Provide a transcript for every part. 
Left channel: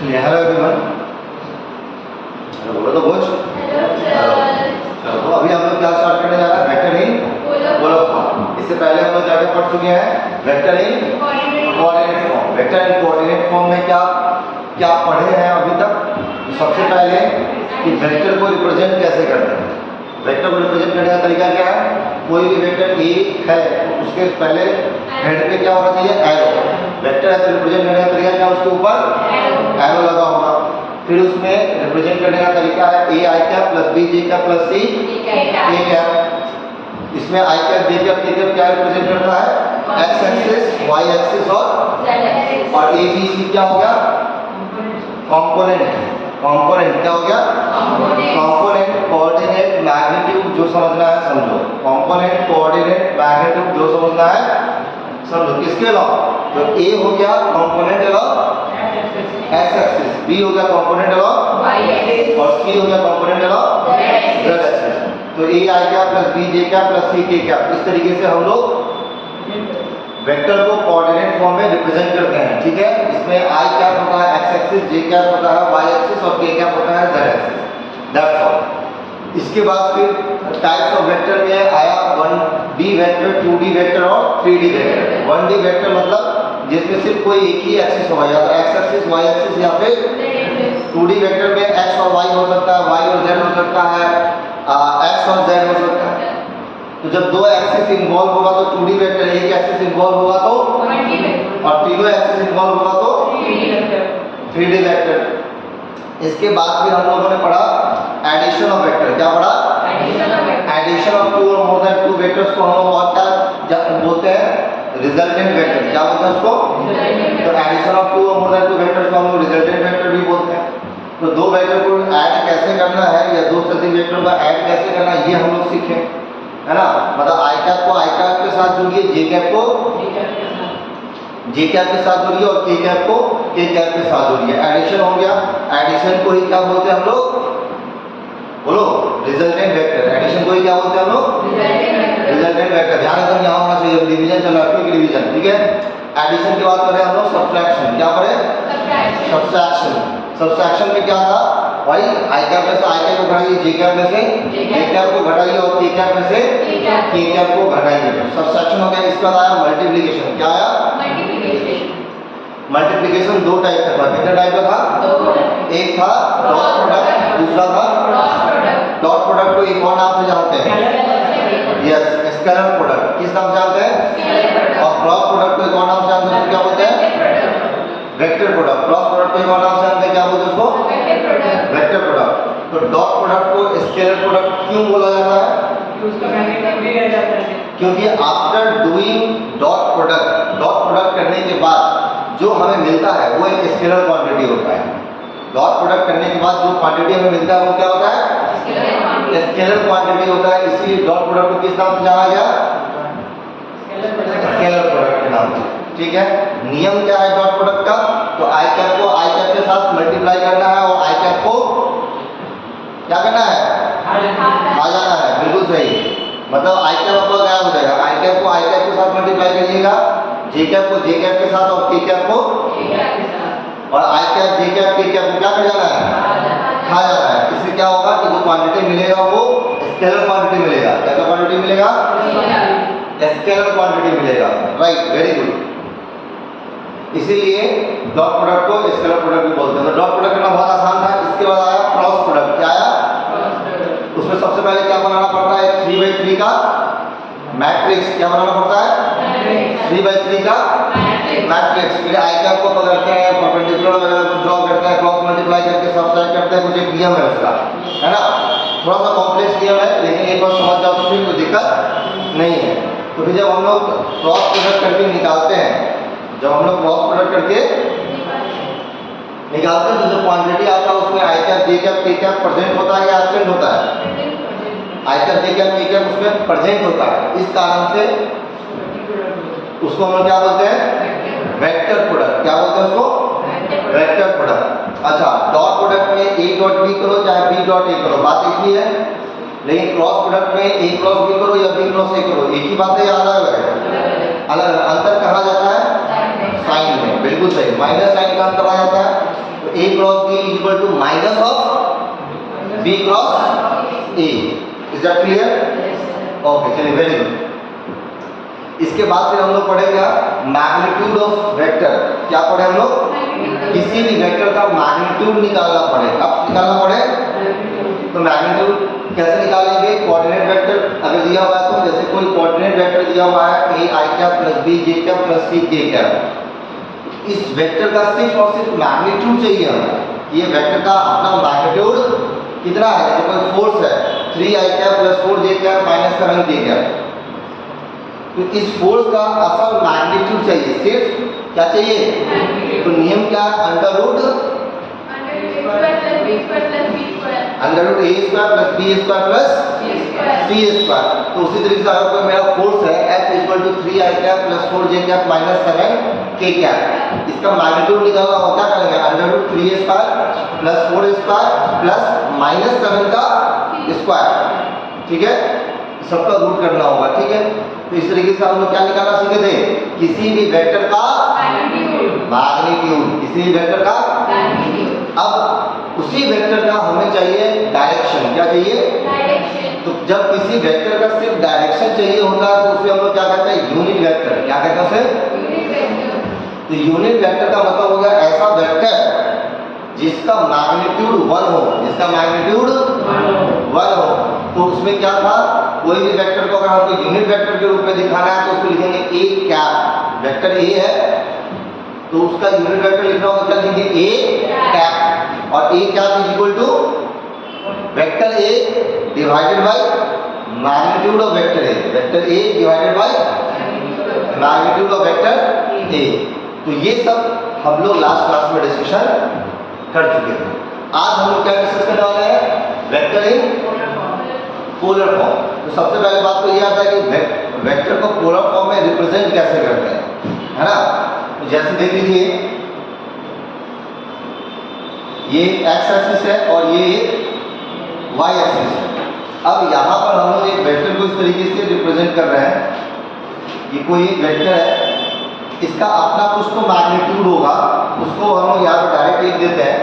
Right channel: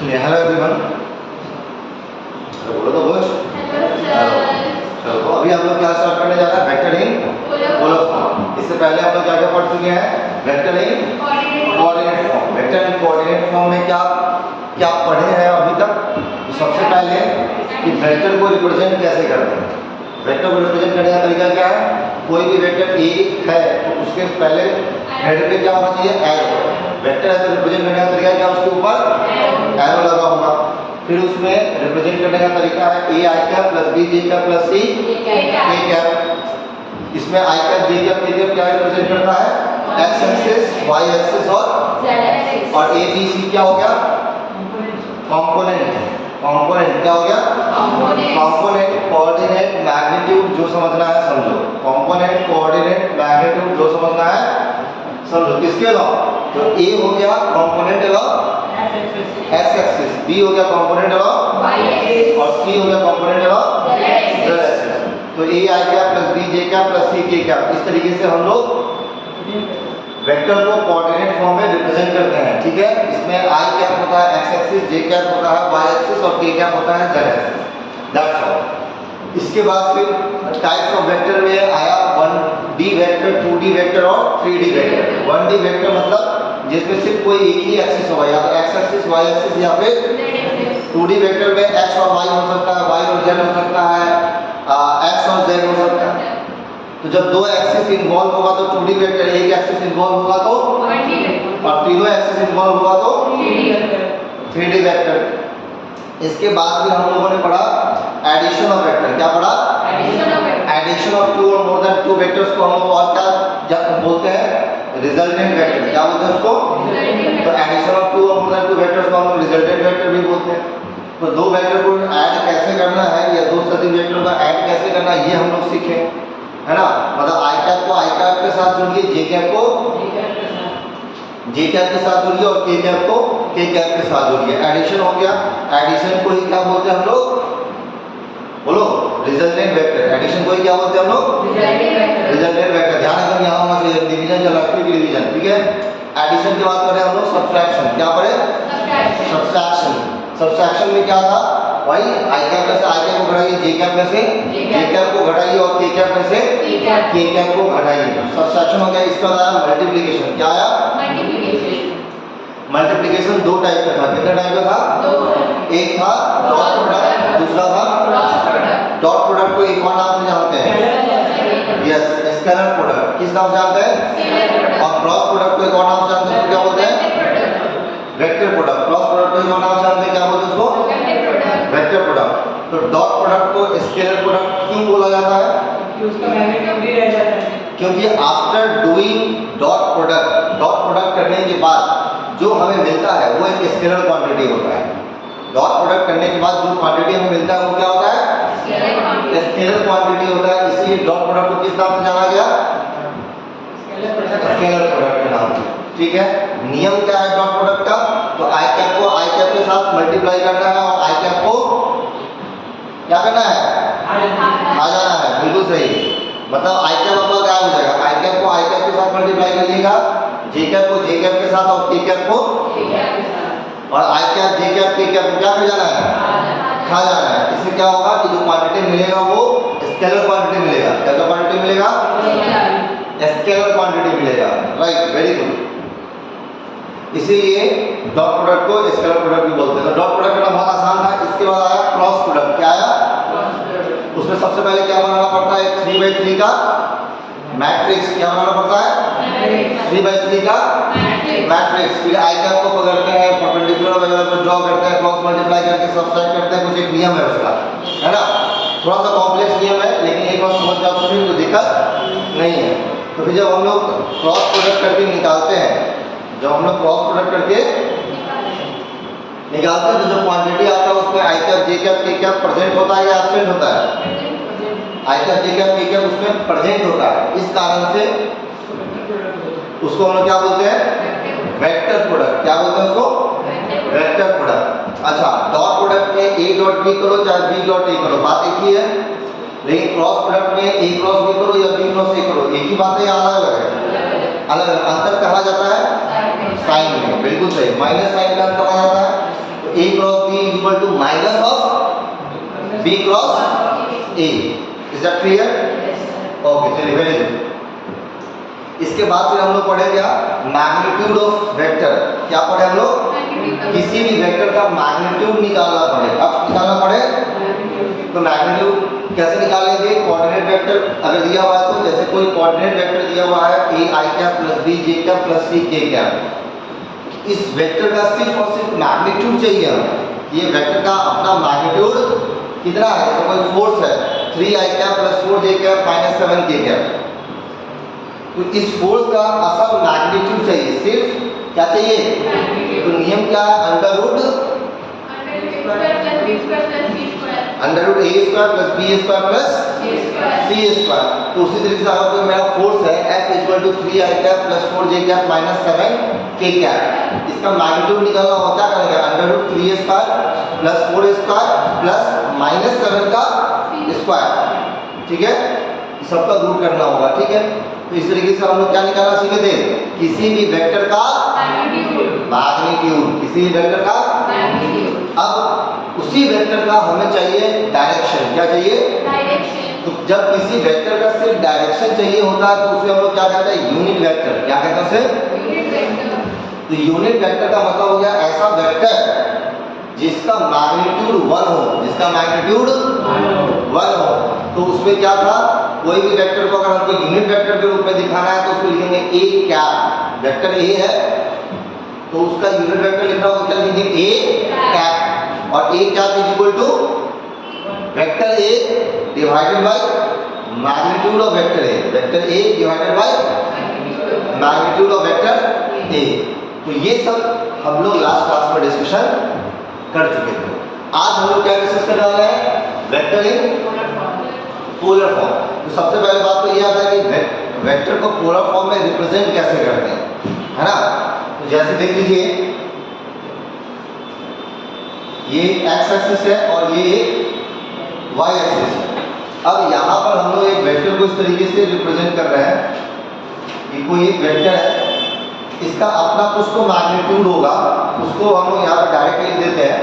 Hello everyone. बोलो तो बोझ। चलो तो अभी हम लोग क्या स्टार्ट करने जा रहे हैं? Vector in polar form. इससे पहले हम लोग क्या क्या पढ़ चुके हैं? वेक्टर इन कोऑर्डिनेट फॉर्म। वेक्टर इन कोऑर्डिनेट फॉर्म में क्या क्या पढ़े हैं अभी तक? तो सबसे पहले कि वेक्टर को रिप्रेजेंट कैसे करते हैं। वेक्टर को रिप्रेजेंट करने का तरीका क्या है? कोई भी वेक्टर ए है तो उसके पहले हेड पे क्या होना चाहिए? एरो। वेक्टर है तो रिप्रेजेंट करने का तरीका क्या? उसके ऊपर एरो लगा होगा। फिर उसमें रिप्रेजेंट करने का तरीका है a i cap plus b J cap plus c a cap. इसमें i cap j cap k cap क्या रिप्रेजेंट करता है? एक्स एक्सिस, वाई एक्सिस और ए बी सी क्या हो गया? कंपोनेंट। कंपोनेंट क्या हो गया? Component, coordinate, magnitude. जो समझना है समझो। कंपोनेंट, कोऑर्डिनेट, मैग्नीट्यूड जो समझना है समझो। किसके अलावा? तो ए हो गया कंपोनेंट अलावा एक्स एक्सिस, बी हो गया कंपोनेंट अलावा वाई एक्सिस और सी हो गया कंपोनेंट अलावा जेड एक्सिस। तो a i cap plus b J cap plus c k cap. इस तरीके से हम लोग वेक्टर को कोऑर्डिनेट फॉर्म में रिप्रेजेंट करते हैं। ठीक है, इसमें आई कैप होता है एक्स एक्सिस, जे कैप होता है वाई एक्सिस और के कैप होता है जेड एक्सिस। That's all. इसके बाद फिर टाइप्स ऑफ वेक्टर में आया 1D वेक्टर, 2D वेक्टर और 3D वेक्टर। 1D वेक्टर मतलब जिसमें सिर्फ कोई एक ही एक्सिस होगा, या तो एक्स एक्सिस, वाई एक्सिस या फिर 2D वेक्टर में एक्स और वाई हो सकता है, वाई और जेड हो सकता है, एक्स और जेड हो सकता है। तो जब दो एक्सिस इन्वॉल्व होगा तो 2D वेक्टर, एक एक्सिस इन्वॉल्व होगा तो और तीनों एक्सिस इन्वॉल्व होगा तो 3D वेक्टर। इसके बाद फिर हम लोगों ने पढ़ा एडिशन ऑफ वेक्टर। क्या पढ़ा? एडिशन ऑफ टू और मोर देन टू वेक्टर्स को हम लोग और क्या बोलते हैं? Resultant vector. क्या बोलते हैं उसको? तो एडिशन ऑफ टू और मोर देन टू वेक्टर्स को हम लोग रिजल्टेंट वेक्टर भी बोलते हैं। तो दो वेक्टर को ऐड कैसे करना है या दो से अधिक वेक्टर का ऐड कैसे करना है ये हम लोग सीखे, है ना। मतलब आई कैप को आई कैप के साथ जोड़िए, जे कैप को जे कैप के साथ जोड़िए और के कैप को के कैप के साथ जोड़िए। एडिशन हो गया। एडिशन को ही क्या बोलते हैं हम लोग? बोलो। Resultant vector. एडिशन को ही क्या बोलते हैं हम लोग? Resultant vector. ध्यान रखना यहाँ होना चाहिए, डिवीजन चल रहा है, क्विक डिवीजन। ठीक है। एडिशन की बात करें हम लोग सब्ट्रैक्शन। क्या करें? सब्ट्रैक्शन। सब्ट्रैक्शन में क्या था? भाई आई कैप में से आई कैप को घटाइए, जे कैप में से जे कैप को घटाइए और के कैप में से के कैप को घटाइए। सब्ट्रैक्शन हो गया। इसके बाद आया मल्टीप्लिकेशन। क्या आया? मल्टीप्लिकेशन दो टाइप का था। कितने टाइप का था? एक था डॉट प्रोडक्ट, दूसरा था डॉट प्रोडक्ट को एक और नाम से जानते हैं, यस, स्केलर प्रोडक्ट। किस नाम से जानते हैं? और क्रॉस प्रोडक्ट को एक और नाम से जानते हैं, क्या बोलते हैं? Vector product. क्रॉस प्रोडक्ट को एक और नाम से जानते हैं, क्या बोलते हैं उसको? Vector product. तो डॉट प्रोडक्ट को स्केलर प्रोडक्ट क्यों बोला जाता है? क्योंकि आफ्टर डूइंग डॉट प्रोडक्ट करने के बाद जो हमें मिलता है वो एक स्केलर क्वांटिटी होता है। डॉट प्रोडक्ट करने के बाद जो क्वांटिटी हमें मिलता है वो क्या होता है? स्केलर क्वांटिटी होता है। इसीलिए डॉट प्रोडक्ट को किस नाम से जाना गया? स्केलर प्रोडक्ट के नाम से। ठीक है। नियम क्या है डॉट प्रोडक्ट का? तो आई कैप को आई कैप के साथ मल्टीप्लाई करना है और आई कैप को क्या करना है? आ जाना है। बिल्कुल सही। मतलब आई कैप आपका क्या हो जाएगा? आई कैप को आई कैप के साथ मल्टीप्लाई करिएगा, जे कैप को जे कैप के साथ और के कैप को और आई cap j cap k cap को क्या कर जाना है? खा जाना है। इससे क्या होगा कि जो क्वांटिटी मिलेगा वो स्केलर क्वांटिटी मिलेगा। क्या क्वांटिटी मिलेगा? स्केलर क्वांटिटी मिलेगा। Right, very good. इसीलिए डॉट प्रोडक्ट को स्केलर प्रोडक्ट भी बोलते हैं। तो डॉट प्रोडक्ट करना बहुत आसान था। इसके बाद आया क्रॉस प्रोडक्ट। क्या आया? उसमें सबसे पहले क्या बनाना पड़ता है? 3/3 का मैट्रिक्स। क्या बनाना पड़ता है? 3/3 का मैट्रिक्स। फिर आई कैप को पकड़ते हैं, परपेंडिकुलर वगैरह कुछ ड्रॉ करते हैं, क्रॉस मल्टीप्लाई करके सब्ट्रैक्ट करते हैं। कुछ एक नियम है उसका, है ना। थोड़ा सा कॉम्प्लेक्स नियम है, लेकिन एक बार समझ जाओ तो फिर कोई दिक्कत नहीं है। तो फिर जब हम लोग क्रॉस प्रोडक्ट करके निकालते हैं, जब हम लोग क्रॉस प्रोडक्ट करके निकालते हैं तो जो क्वांटिटी आता है उसमें आई cap j cap k cap present होता है या एब्सेंट होता है? आई cap j cap k cap उसमें प्रेजेंट होता है। इस कारण से उसको हम लोग क्या बोलते हैं? Vector product. क्या बोलते हैं उसको? Vector product. अच्छा, डॉट प्रोडक्ट में ए डॉट बी करो चाहे बी डॉट ए करो, बात एक ही है। लेकिन क्रॉस प्रोडक्ट में ए क्रॉस बी करो या बी क्रॉस ए करो, एक ही बात है या अलग है? अलग। अंतर कहा जाता है साइन में। बिल्कुल सही, माइनस साइन का अंतर आ जाता है। A cross B equal to minus of B cross A। Is that clear? Okay, चलिए, वेरी गुड। इसके बाद फिर हम लोग पढ़े क्या? Magnitude of vector. क्या पढ़े हम लोग? किसी भी वेक्टर का मैग्नीट्यूड निकालना पड़े। अब निकालना पड़े तो मैग्नीट्यूड कैसे निकालेंगे? कोऑर्डिनेट वेक्टर अगर दिया हुआ है तो, जैसे कोई कोऑर्डिनेट वेक्टर दिया हुआ है a i cap plus b j cap plus c k cap, इस वेक्टर का सिर्फ और सिर्फ मैग्नीट्यूड चाहिए हमें। ये वेक्टर का अपना मैग्नीट्यूड कितना है? तो कोई फोर्स है 3i cap plus 4j cap minus 7k cap, तो इस फोर्स का असल मैग्नीट्यूड चाहिए। सिर्फ क्या चाहिए? तो नियम क्या है? Under root a square plus b square plus c square. तो उसी तरीके से अगर मेरा फोर्स है F equal to 3i cap plus 4j cap minus 7k cap, इसका मैग्नीट्यूड निकालना हो, क्या करेंगे? Under root 3a square plus 4a square plus minus 7 का स्क्वायर। ठीक है, सबका रूट करना होगा। ठीक है, तो इस तरीके से हम लोग क्या निकालना सीखे थे? किसी भी वेक्टर का मैग्नीट्यूड, किसी भी वेक्टर का। अब उसी वेक्टर का हमें चाहिए डायरेक्शन। क्या चाहिए? डायरेक्शन। तो जब किसी वेक्टर का सिर्फ डायरेक्शन चाहिए होता है तो उसे हम लोग क्या कहते हैं? Unit vector. क्या कहते हैं उसे? Unit vector. तो यूनिट वेक्टर का मतलब हो गया ऐसा वेक्टर जिसका मैग्नीट्यूड 1 हो, जिसका मैग्नीट्यूड 1 हो। तो उसमें क्या था? कोई भी वेक्टर को अगर हमको यूनिट वेक्टर के रूप में दिखाना है तो उसको लिखेंगे a कैप। वेक्टर a है तो उसका यूनिट वेक्टर लिखना होगा, क्या लिखेंगे? a cap. और a cap is equal to vector a divided by magnitude of vector a। Vector a divided by magnitude of vector a। तो ये सब हम लोग लास्ट क्लास में डिस्कशन कर चुके थे। आज हम लोग क्या डिस्कस करने वाले हैं? Vector in polar form. तो सबसे पहले बात तो ये आता है कि वेक्टर को पोलर फॉर्म में रिप्रेजेंट कैसे करते हैं, है ना? तो जैसे देख लीजिए, ये x एक्सिस है और ये y एक्सिस है। अब यहाँ पर हम लोग एक वेक्टर को इस तरीके से रिप्रेजेंट कर रहे हैं। ये कोई एक वेक्टर है, इसका अपना कुछ तो मैग्नीट्यूड होगा, उसको हम लोग यहाँ पर डायरेक्ट लिख देते हैं।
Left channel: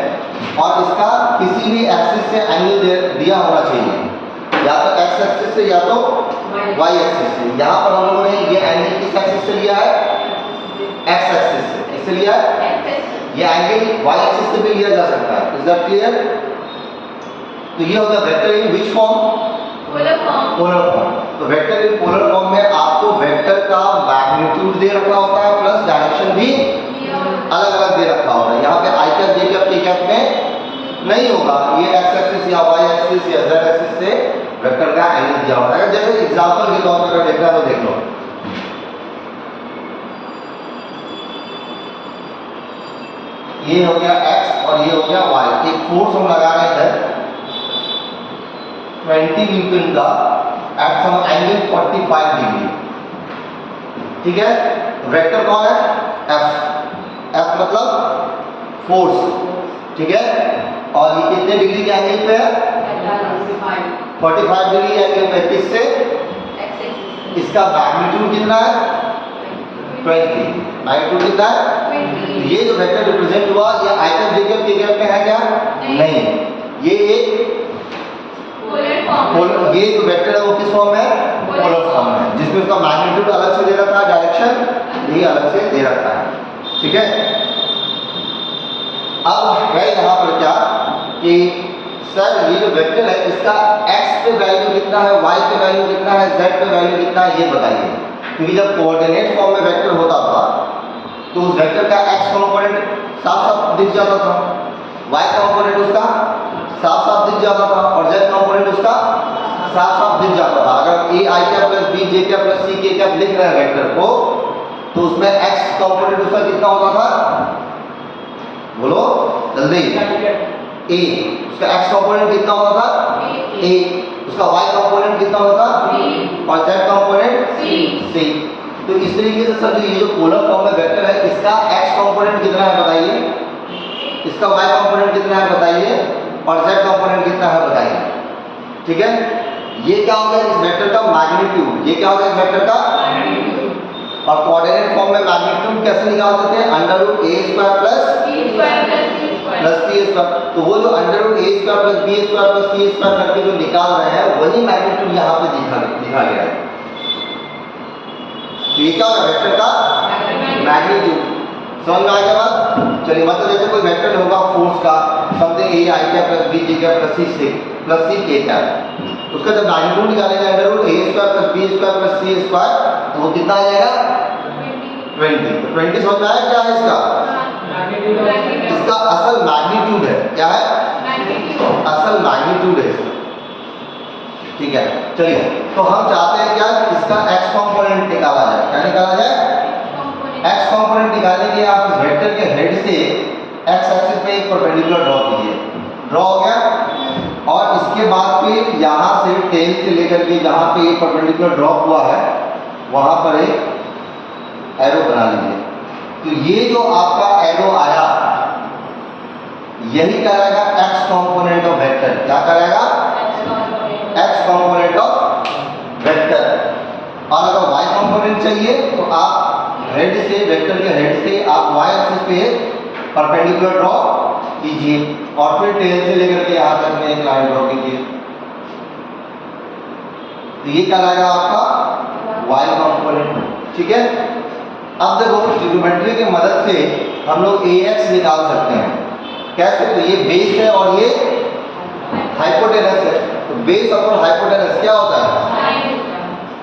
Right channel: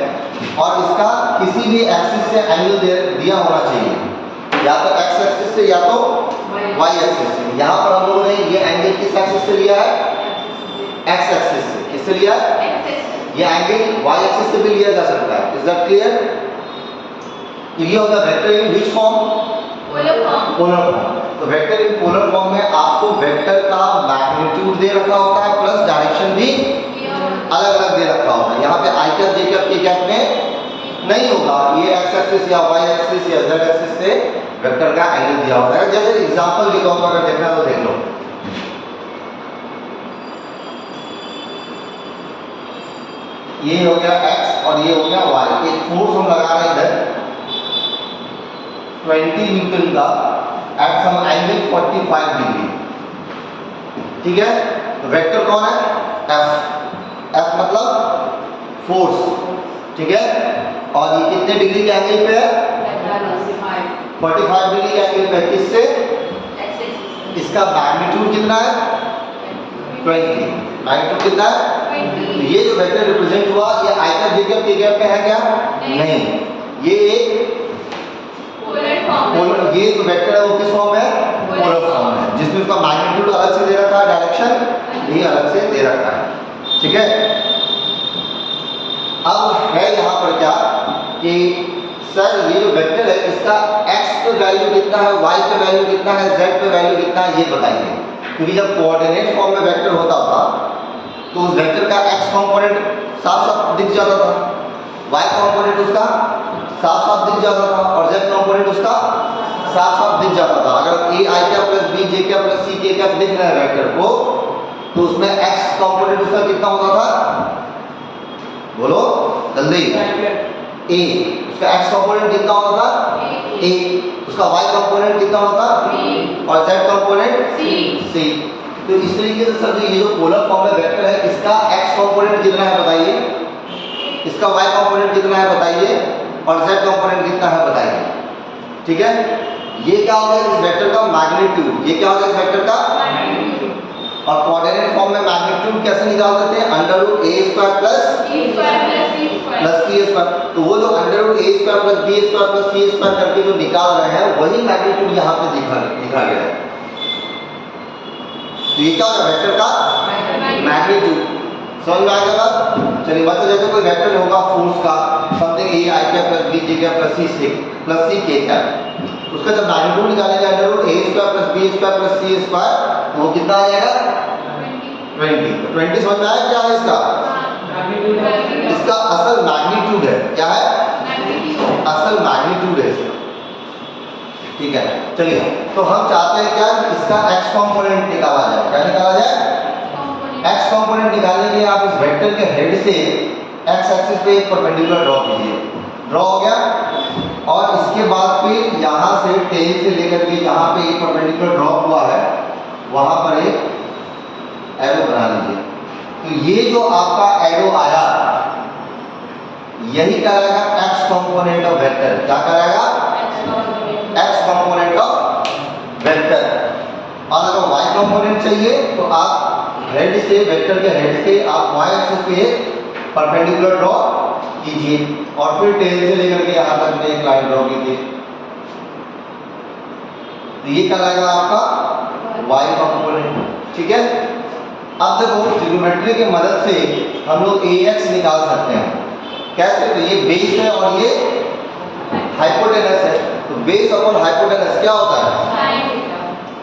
और इसका किसी भी एक्सिस से एंगल दिया होना चाहिए, या तो x एक्सिस से या तो y एक्सिस से। यहाँ पर हम लोगों ने ये एंगल किस एक्सिस से लिया है? x एक्सिस से। किससे लिया है? ये एंगल y एक्सिस से भी लिया जा सकता है। Is that clear? तो ये होगा vector in which form? Polar form. तो वेक्टर इन पोलर फॉर्म में आपको वेक्टर का मैग्नीट्यूड दे रखा होता है प्लस डायरेक्शन भी अलग अलग दे रखा होता है। यहाँ पे आई cap j cap k cap में नहीं होगा, ये x एक्सिस या y एक्सिस या z एक्सिस से वेक्टर का एंगल दिया होता है। जैसे एग्जांपल के तौर पर अगर देखना तो देख लो, ये हो गया x और ये हो गया y। एक फोर्स हम लगा रहे हैं इधर 20 न्यूटन का एट सम एंगल 45 डिग्री। ठीक है, तो वेक्टर कौन है? f मतलब फोर्स। ठीक है, और ये कितने डिग्री के एंगल पे है? 45 डिग्री के एंगल पे। किससे? इसका मैग्नीट्यूड कितना है? 20। मैग्नीट्यूड कितना है? ये जो वेक्टर रिप्रेजेंट हुआ, ये आई cap j cap k cap में है क्या? नहीं। ये एक पोलर, ये जो वेक्टर है वो किस फॉर्म में है? पोलर फॉर्म में, जिसमें उसका मैग्नीट्यूड अलग से दे रखा है, डायरेक्शन भी अलग से दे रखा है। ठीक है, अब है यहाँ पर क्या कि सर ये जो वेक्टर है इसका x पे वैल्यू कितना है, y पे वैल्यू कितना है, z पे वैल्यू कितना है, ये बताइए। क्योंकि जब कोऑर्डिनेट फॉर्म में वेक्टर होता था तो उस वेक्टर का x कंपोनेंट साफ साफ दिख जाता था, y कंपोनेंट उसका साफ साफ दिख जाता था और z कंपोनेंट उसका साफ साफ दिख जाता था। अगर a i cap plus b j cap plus c k cap लिख रहे हैं वेक्टर को, तो उसमें x कंपोनेंट उसका कितना होता था? बोलो जल्दी। a, उसका x कंपोनेंट कितना होता था? a, उसका y कंपोनेंट कितना होता था? और z कंपोनेंट c। तो इस तरीके से सर ये जो पोलर फॉर्म में वेक्टर है, इसका x कंपोनेंट कितना है बताइए, इसका y कंपोनेंट कितना है बताइए, और z कंपोनेंट कितना है बताइए। ठीक है, ये क्या होगा? इस वेक्टर का मैग्नीट्यूड। ये क्या होगा? इस वेक्टर का। और कोऑर्डिनेट फॉर्म में मैग्नीट्यूड कैसे निकाल सकते हैं? Under root a square plus c square. तो वो जो under root a square plus b square plus c square करके जो निकाल रहे हैं वही मैग्नीट्यूड यहाँ पे दिखा गया है। तो ये क्या होगा? वेक्टर का मैग्नीट्यूड। समझ में आएगा बात? चलिए, मतलब जैसे कोई वेक्टर होगा फोर्स का something a i cap plus b J cap plus c k cap, उसका जब मैग्नीट्यूड निकालेंगे under root a square plus b square plus c square, तो वो कितना आ जाएगा? 20। तो 20 समझ में आया क्या है इसका? इसका असल मैग्नीट्यूड है। क्या है? असल मैग्नीट्यूड है इसका। ठीक है, चलिए, तो हम चाहते हैं क्या? इसका एक्स कंपोनेंट निकाला जाए। क्या निकाला जाए? एक्स कंपोनेंट निकालने के लिए आप इस वेक्टर के हेड से एक्स एक्सिस पे एक परपेंडिकुलर ड्रॉ कीजिए। ड्रॉ हो गया, और इसके बाद फिर यहाँ से टेल से लेकर के जहाँ पे एक परपेंडिकुलर ड्रॉ हुआ है वहाँ पर एक एरो बना लीजिए। तो ये जो आपका एरो आया यही कहलाएगा एक्स कंपोनेंट ऑफ वेक्टर। क्या कहलाएगा? X component of vector. और अगर वाई कंपोनेंट चाहिए तो आप हेड से, वेक्टर के हेड से आप वाई एक्सिस पे परपेंडिकुलर ड्रॉ कीजिए और फिर टेल से लेकर के यहाँ तक एक लाइन ड्रॉ कीजिए। तो ये कहलाएगा आपका वाई कंपोनेंट। ठीक है, अब देखो ट्रिग्नोमेट्री की मदद से हम लोग AX निकाल सकते हैं। कैसे? तो ये बेस है और ये हाइपोटेनस है। तो बेस अपॉन हाइपोटेनस क्या होता है?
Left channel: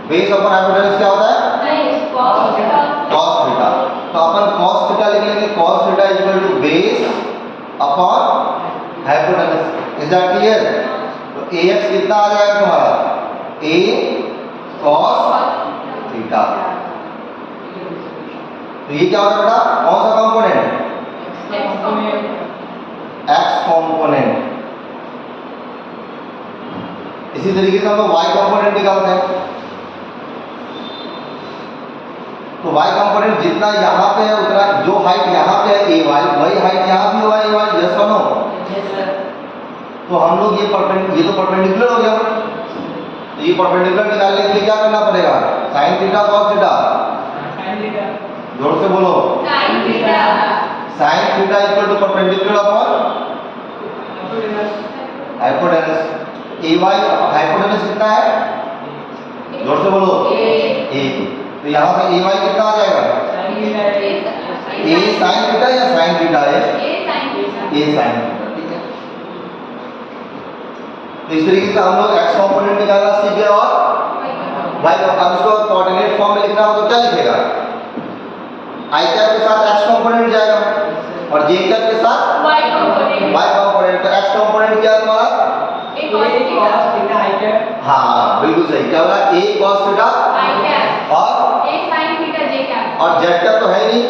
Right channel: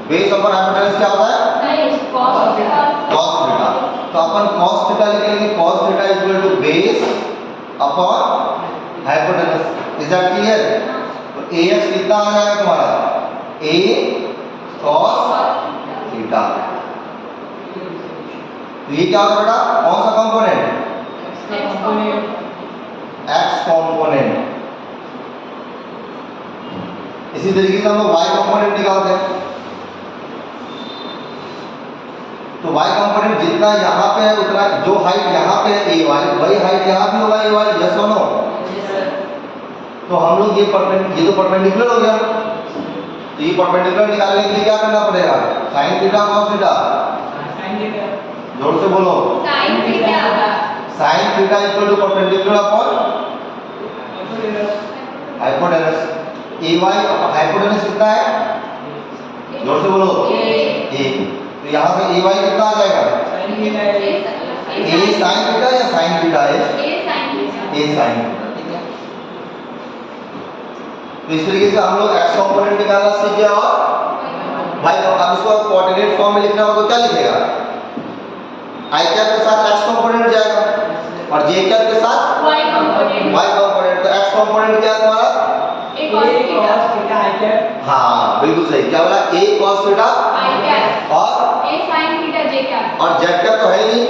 बेस अपॉन हाइपोटेनस क्या होता है? cos theta. तो अपन cos थीटा लिख लेंगे। cos theta equal to base upon hypotenuse. Is that clear? तो AX कितना आ जाएगा तुम्हारा? A cos theta. तो ये क्या होता है बेटा? कौन सा कंपोनेंट? X component. इसी तरीके से हम लोग वाई कंपोनेंट निकालते हैं। तो वाई कंपोनेंट जितना यहाँ पे है उतना, जो हाइट यहाँ पे है ए वाई, वही हाइट यहाँ भी होगा ए वाई। Just no. तो हम लोग ये तो परपेंडिकुलर हो गया। तो ये परपेंडिकुलर निकालने के लिए क्या करना पड़ेगा? Sine theta cos theta. जोर से बोलो। Sine theta equal to perpendicular upon hypotenuse. A Y hypotenuse कितना है? जोर से बोलो। ए। तो यहाँ से ए वाई कितना आ जाएगा? ए साइन थीटा या साइन थीटा है? ए साइन थीटा। ठीक है, तो इस तरीके से हम लोग एक्स कंपोनेंट निकालना सीख गए। और वाई, अब इसको कोऑर्डिनेट फॉर्म में लिखना हो तो क्या लिखेगा? आई कैप के साथ एक्स कंपोनेंट जाएगा और जे कैप के साथ वाई कंपोनेंट। तो एक्स कंपोनेंट क्या है तुम्हारा? हाँ बिल्कुल सही। क्या बोला? ए cos थीटा और ए sin थीटा जे कैप। और जेड कैप तो है नहीं,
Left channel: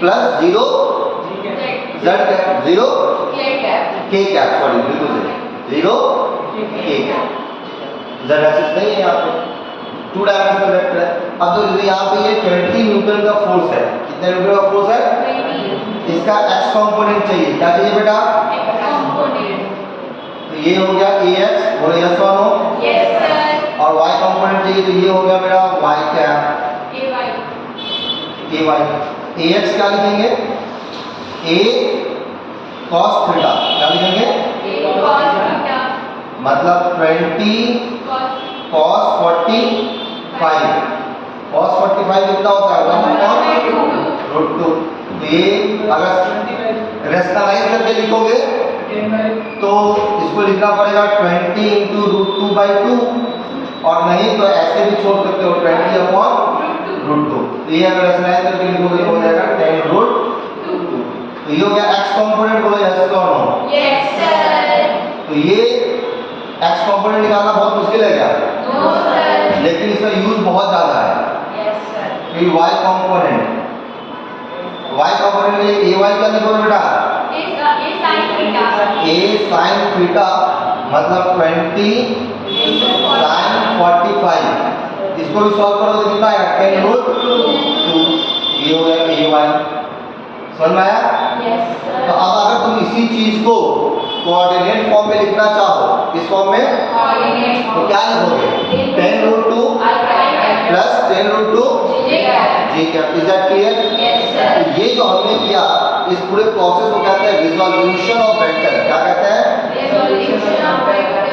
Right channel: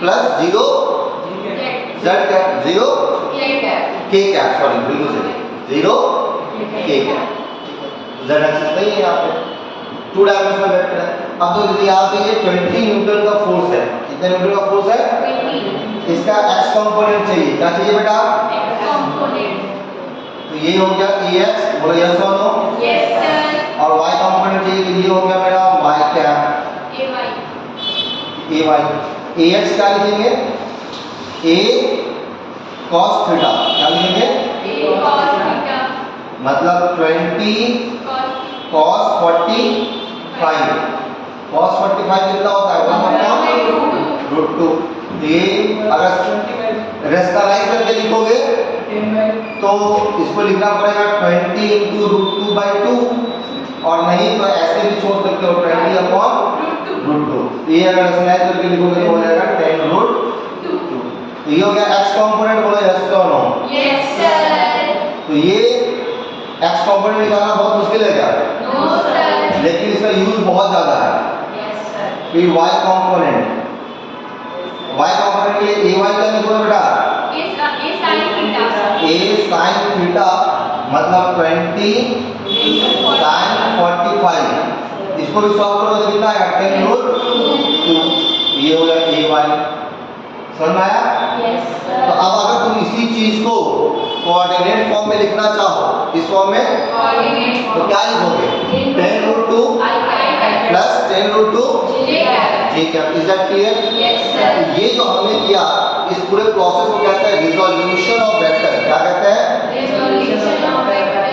प्लस 0 जेड कैप, 0 के कैप। सॉरी, बिल्कुल सही, 0 के कैप। जेड एक्सिस नहीं है यहाँ पे, 2 डायमेंशनल वेक्टर है। अब तो जैसे यहाँ पे ये 20 न्यूटन का फोर्स है। कितने न्यूटन का फोर्स है? इसका एक्स कंपोनेंट चाहिए। क्या चाहिए बेटा? X component. तो ये हो गया AX, बोलो यस और नो। Yes sir. और Y कंपोनेंट चाहिए तो ये हो गया मेरा Y कैप, AY। AX क्या लिखेंगे? A cos theta. क्या लिखेंगे? A cos थीटा मतलब 20 cos 45। cos 45 कितना होता है? 1/√2। ये अगर रेशनलाइज करके लिखोगे तो इसको लिखना पड़ेगा 20 × √2/2, और नहीं तो ऐसे भी छोड़ सकते हो 20/√2। तो ये अगर रेशनलाइज करके लिखोगे तो हो जाएगा 10√2। तो ये हो गया एक्स कंपोनेंट। बोलो यस और नो। Yes sir. तो ये एक्स कंपोनेंट निकालना बहुत मुश्किल है क्या? No sir. लेकिन इसका यूज बहुत ज्यादा है। Yes sir. फिर वाई कंपोनेंट। वाई कंपोनेंट के लिए AY क्या लिखोगे बेटा? A sin theta. A sin theta मतलब 20 sin 45। इसको भी सॉल्व करो तो कितना आएगा? 10√2। ये हो गया AY। समझ में आया? Yes sir. तो अब अगर तुम इसी चीज को कोऑर्डिनेट फॉर्म में लिखना चाहो, इस फॉर्म में, कोऑर्डिनेट तो क्या लिखोगे? 10√2 i cap plus 10 root 2 J cap. J cap. Is that clear? Yes, sir. ये जो हमने किया इस पूरे प्रोसेस को कहते हैं रिजोल्यूशन ऑफ वेक्टर। क्या कहते हैं? Resolution of vector.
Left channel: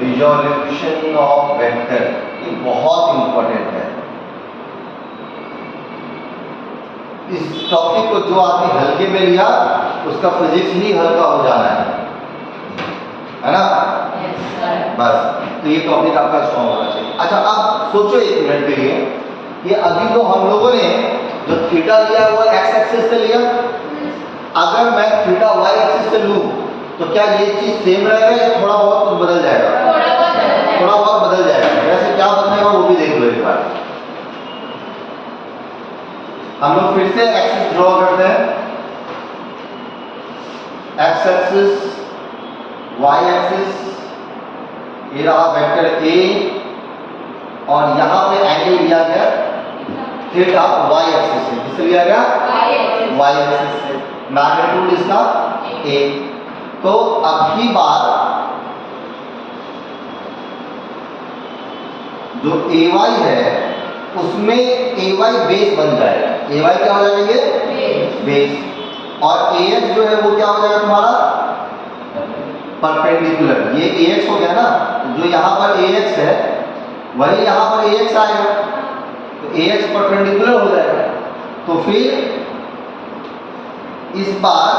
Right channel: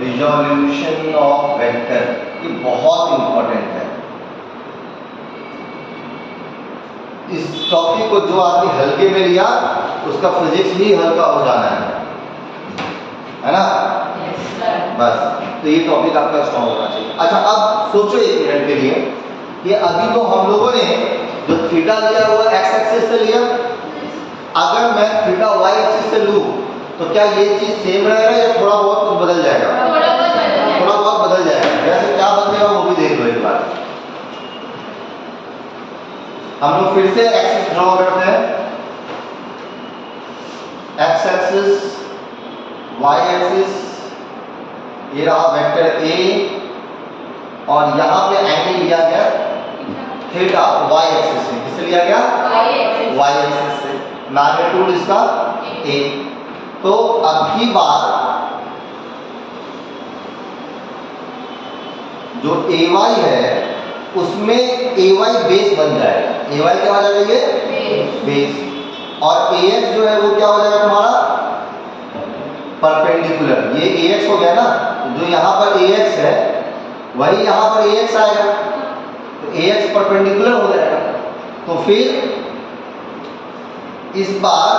Resolution of vector. ये बहुत इंपॉर्टेंट है। इस टॉपिक को जो आदमी हल्के में लिया उसका फिजिक्स भी हल्का हो जाना है ना? Yes, sir. बस, तो ये टॉपिक आपका स्ट्रॉन्ग होना चाहिए। अच्छा, अब सोचो एक मिनट के लिए कि अभी तो हम लोगों ने जो थीटा लिया वो एक्स एक्सिस से लिया। अगर मैं थीटा वाई एक्सिस से लूं तो क्या ये चीज सेम रहेगा या थोड़ा बहुत कुछ बदल जाएगा? थोड़ा बहुत बदल जाएगा। थोड़ा बहुत बदल जाएगा। वैसे क्या बदलेगा वो भी देख लो एक बार। हम लोग फिर से एक्सिस ड्रॉ करते हैं। एक्स एक्सिस, वाई एक्सिस, ये रहा वेक्टर ए और यहाँ पे एंगल लिया गया थीटा वाई एक्सिस से। किससे लिया गया? Y axis. वाई एक्सिस से। मैग्नीट्यूड इसका ए। तो अभी बार जो ए वाई है उसमें ए वाई बेस बन जाएगा। ए वाई क्या हो जाएगा? ये बेस। और ए एक्स जो है वो क्या हो जाएगा तुम्हारा? परपेंडिकुलर। ये ए एक्स हो गया ना, जो यहाँ पर ए एक्स है वही यहाँ पर ए एक्स आएगा, तो ए एक्स परपेंडिकुलर हो जाएगा। तो फिर इस बार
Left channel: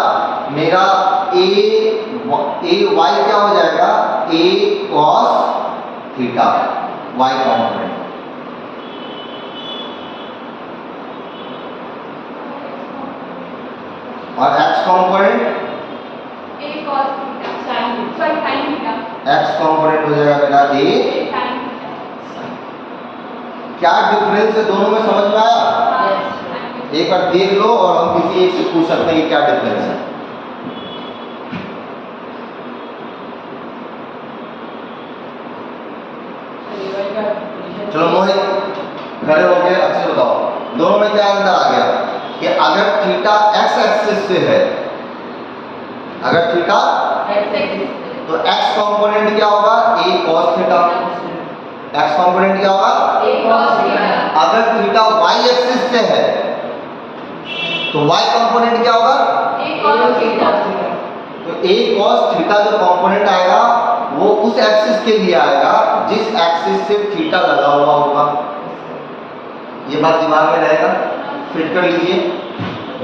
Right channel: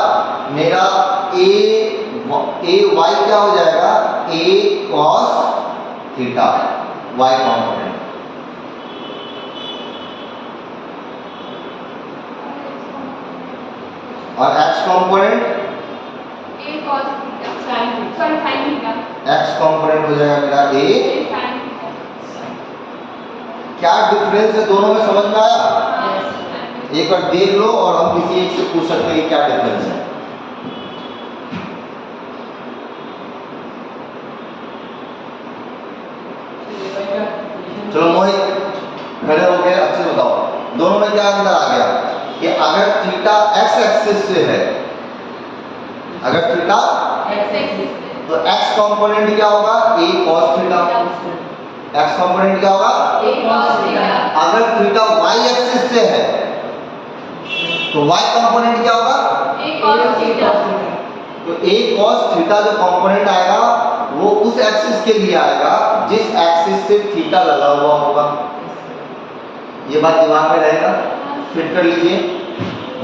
मेरा ए वाई क्या हो जाएगा? ए कॉस थीटा वाई कॉम्पोनेंट। और x component A cos theta. Sin theta. X component हो जाएगा मेरा ए। Sin theta. क्या डिफरेंस है दोनों में, समझ में आया? Yes. एक बार देख लो और हम किसी एक से पूछ सकते हैं कि क्या डिफरेंस है। चलो मोहित खड़े हो गए, अच्छे बताओ दोनों में क्या अंतर आ गया कि अगर थीटा एक्स एक्सिस से है, अगर थीटा X axis. तो एक्स कंपोनेंट क्या होगा? ए cos थीटा। एक्स कंपोनेंट क्या होगा? A cos theta. अगर थीटा वाई एक्सिस से है तो वाई कंपोनेंट क्या होगा? A cos theta. तो ए cos थीटा जो कंपोनेंट आएगा वो उस एक्सिस के लिए आएगा जिस एक्सिस से थीटा लगा हुआ होगा। ये बात दिमाग में रहेगा, फिट कर लीजिए।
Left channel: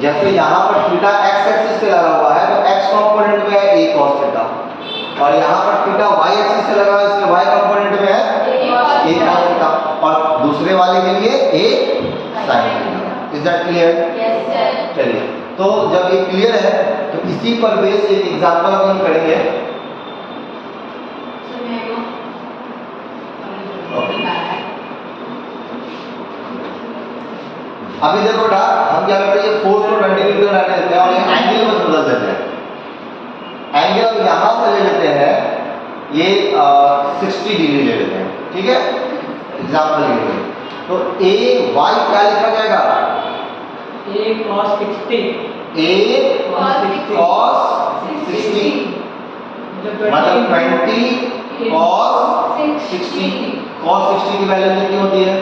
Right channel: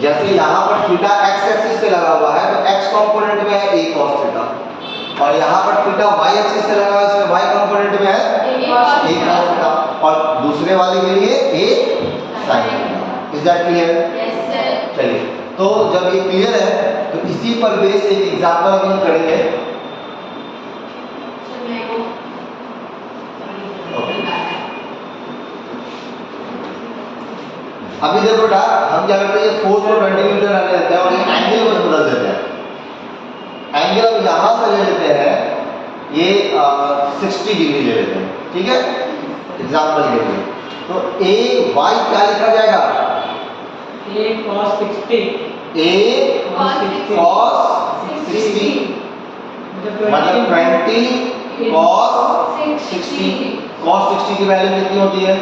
जैसे यहाँ पर थीटा एक्स एक्सिस से लगा हुआ है तो एक्स कंपोनेंट में है ए cos थीटा, और यहाँ पर थीटा वाई एक्सिस से लगा हुआ है इसमें वाई कंपोनेंट में है A cos A theta. cos theta, और दूसरे वाले के लिए ए sin theta. Is that clear? Yes, sir. चलिए, तो जब ये क्लियर है तो इसी पर बेस एक एग्जांपल हम लोग करेंगे। अभी देखो बेटा, हम क्या करते हैं, ये फोर्स को 20 डिग्री रहने देते हैं और ये एंगल बस बदल देते हैं। एंगल अब यहाँ से ले लेते हैं, ये 60 डिग्री ले लेते हैं, ठीक है, एग्जाम्पल के लिए। तो ए वाई क्या लिखा जाएगा? A cos 60. ए cos 60 मतलब 20 cos 60। cos 60 की वैल्यू कितनी होती है?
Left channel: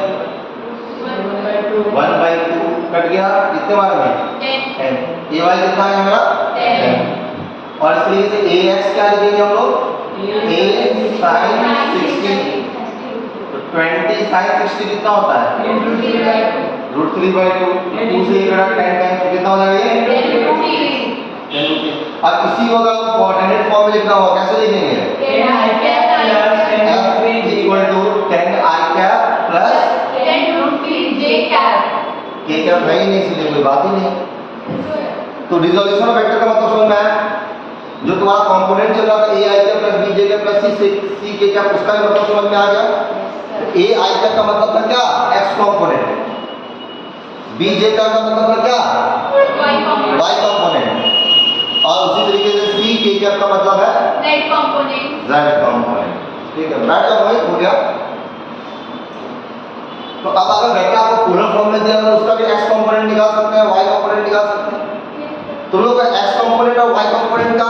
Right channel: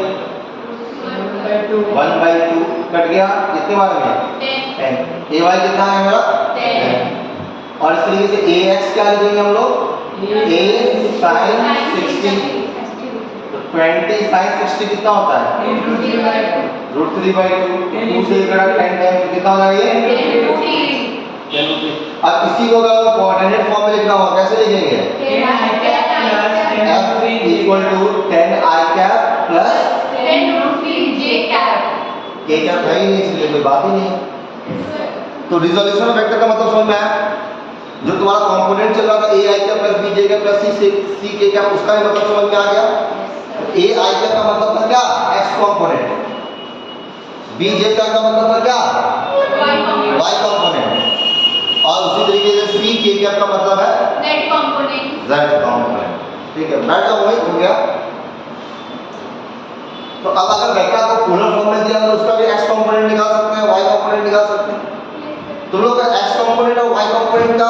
1/2 कट गया कितने बार में? 10। ए वाई कितना है हमारा? 10। और इस तरीके से ए एक्स क्या लिखेंगे हम लोग? ए sin 60। तो 20 sin 60 कितना होता है? √3/2। 2 से करा 10 टाइम्स कितना हो जाएगा ये? 10 रूट। अब इसी को अगर कोऑर्डिनेट फॉर्म में लिखना होगा कैसे लिखेंगे? F equal to 10 I cap plus K cap है ही नहीं, इसलिए कोई बात ही नहीं। तो रिजोल्यूशन ऑफ वेक्टर का मतलब समझ में आया? जो तुम्हारा कंपोनेंट चल रहा था a i cap plus b J cap plus c k cap, उसका भी मतलब समझ में आ गया। ए आई कैप का मतलब था क्या? X component. बी जे कैप का मतलब था क्या? Y component. और उसी तरीके से सी के कैप का मतलब है जेड कंपोनेंट। ठीक है, बैठ जाओ, वही हो गया। तो अब अगर वेक्टर को पोलर फॉर्म में दिया तो उसका भी एक्स कंपोनेंट निकाल सकते हैं, वाई कंपोनेंट निकाल सकते हैं। तुम लोग का एक्स कंपोनेंट और वाई कंपोनेंट का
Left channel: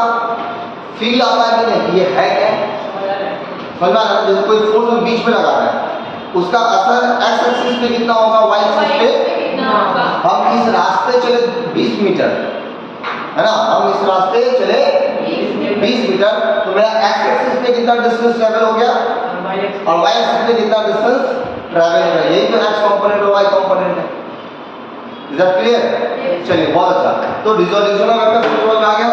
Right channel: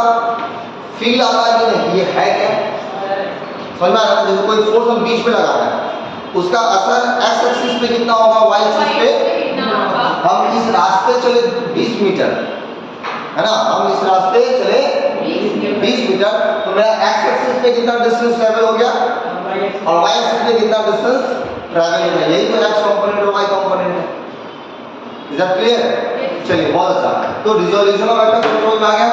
फील आता है कि नहीं? ये है क्या? समझ में आ रहा है? जैसे कोई फोर्स हम बीच में लगा रहे हैं उसका असर एक्स एक्सिस पे कितना होगा, वाई एक्सिस पे। कितना होगा? हम इस रास्ते चले 20 मीटर, है ना, हम इस रास्ते चले 20 मीटर, तो मेरा एक्स एक्सिस पे कितना डिस्टेंस ट्रेवल हो गया और वाई एक्सिस पे कितना डिस्टेंस ट्रेवल हो गया। यही तो एक्स कंपोनेंट और वाई कंपोनेंट है। Is that clear? चलिए बहुत अच्छा। तो रिजोल्यूशन ऑफ वेक्टर समझ में आ गया।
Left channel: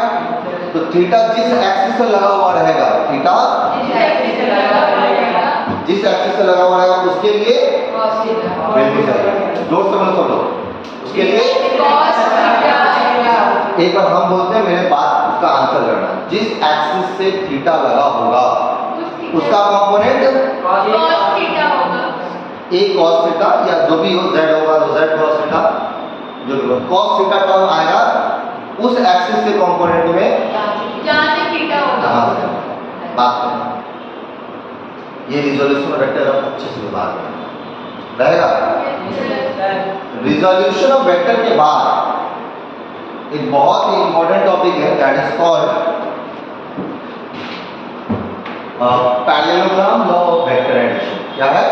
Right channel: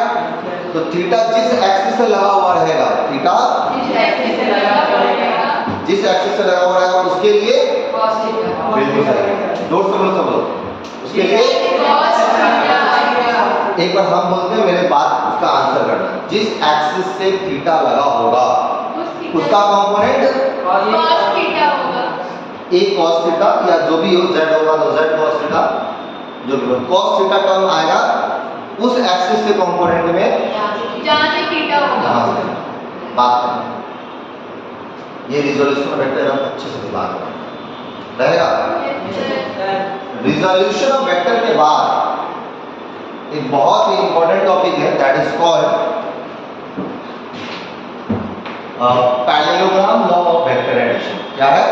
तो थीटा जिस एक्सिस से लगा हुआ रहेगा, थीटा जिस एक्सिस से लगा हुआ रहेगा, जिस एक्सिस से लगा हुआ रहेगा उसके लिए cos थीटा। बिल्कुल सही, जोर से बोलो सब लोग, उसके लिए cos थीटा आएगा। एक बार हम बोलते हैं, मेरे बात उसका आंसर करना। जिस एक्सिस से थीटा लगा होगा उसका कंपोनेंट cos थीटा होगा। एक cos थीटा या जो भी हो, z होगा तो z cos थीटा, जो भी हो cos थीटा टर्म आएगा उस एक्सिस के कंपोनेंट में जहाँ से थीटा होगा। हाँ, बात करना। ये रिजोल्यूशन वेक्टर हम अच्छे से बात करना रहेगा। रिजोल्यूशन ऑफ वेक्टर के बाद एक बहुत ही इंपॉर्टेंट टॉपिक है, that is called parallelogram law of vector addition. क्या है?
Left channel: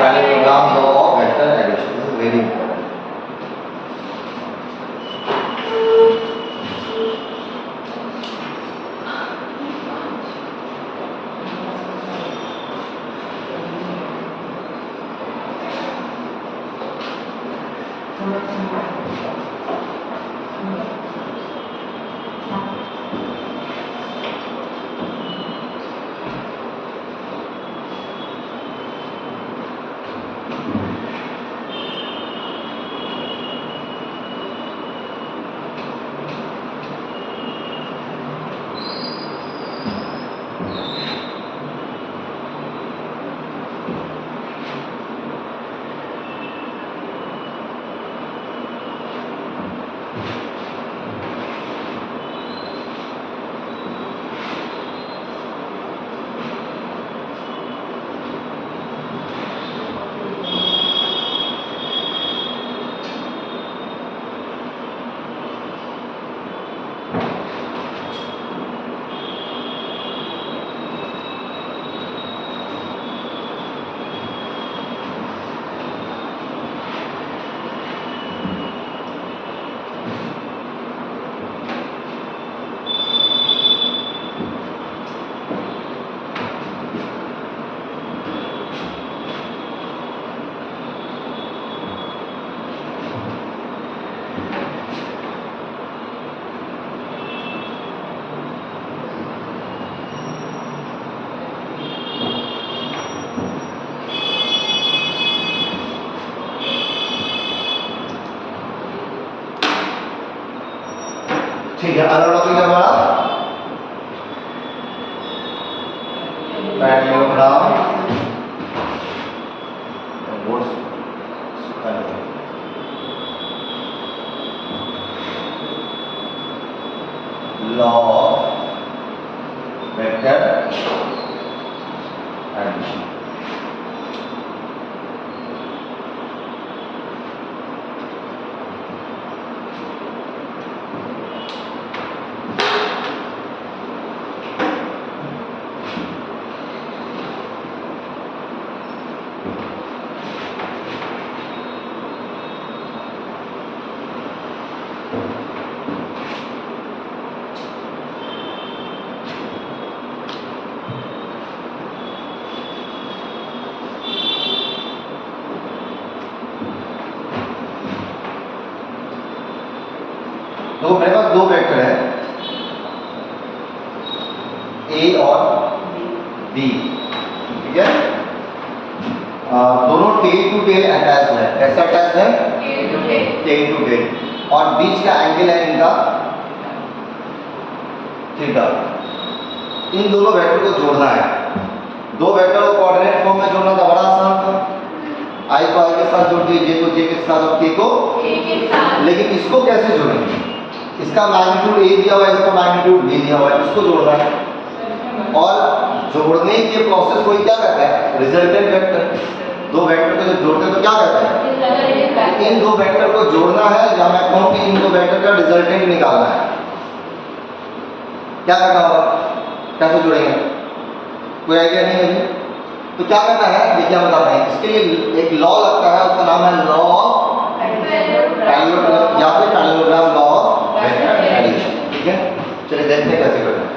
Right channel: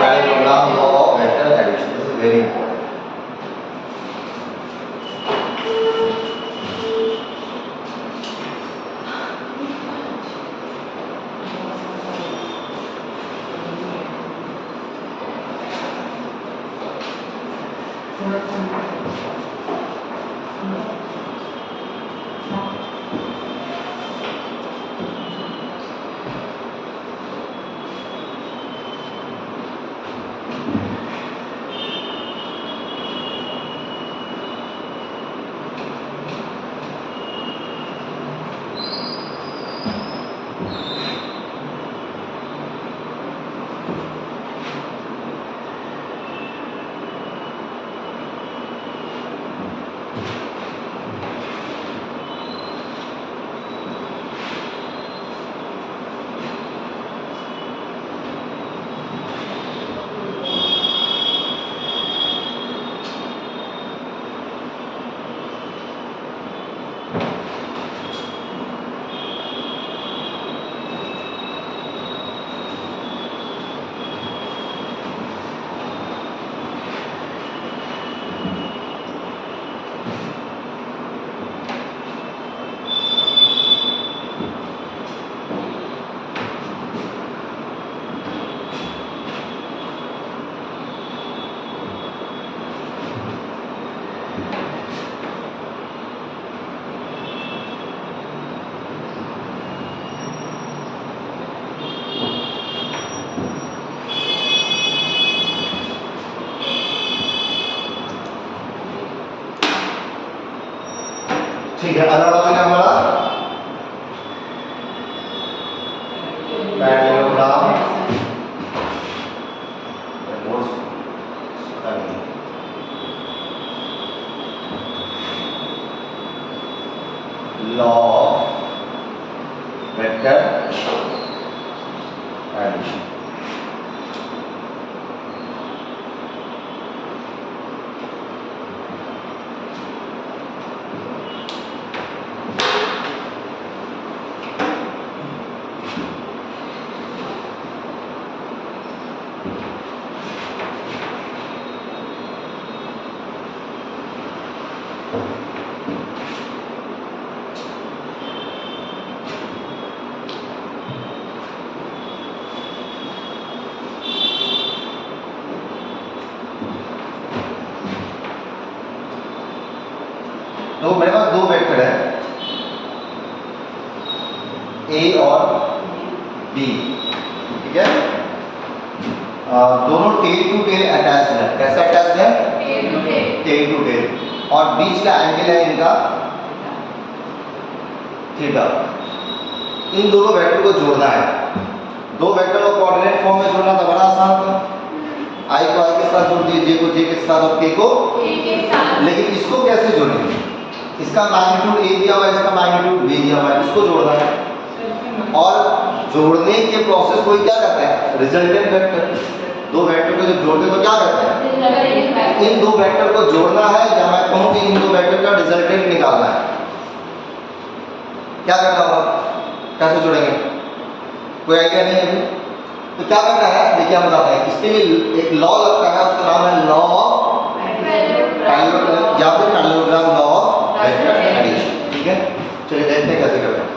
Parallelogram law of vector addition. This is very important. ठीक है, अगला टॉपिक है हमारा parallelogram law of vector addition. तो मेरे पास दो वेक्टर है ए और बी, ठीक है। दोनों टेल टू टेल अटैच है। कैसे अटैच है? टेल टू टेल, और बीच का एंगल है इनका थीटा। इन दोनों वेक्टर को जोड़ना है। दो वेक्टर को कोऑर्डिनेट फॉर्म में जोड़ना तो बड़ा आसान था। आई को आई के साथ जोड़ दिए, जे को जे के साथ, और के को, लेकिन इसको कैसे जोड़ेंगे? इसका मैग्नीट्यूड ए दिया हुआ है, इसका मैग्नीट्यूड बी दिया हुआ है, इसको जोड़ना है। और जोड़ने के प्रोसेस को क्या कहता है? Resultant vector. दो वेक्टर को जब जोड़ते तो क्या कहते हैं? इन दो वेक्टर को जोड़ना है, या मैं कहूं कि इन दो वेक्टर का रिजल्टेंट निकालना है। क्या करना होगा? कैसे जोड़ेंगे? कोई आइडिया नहीं है? तो क्या करना है देखिए हम बताते हैं। इसके लिए एक लॉ लगता है, उसका नाम है लॉ ऑफ पैरेललोग्राम या फिर parallelogram law of vector addition. ठीक है, चलिए देखते हैं कैसे करना है।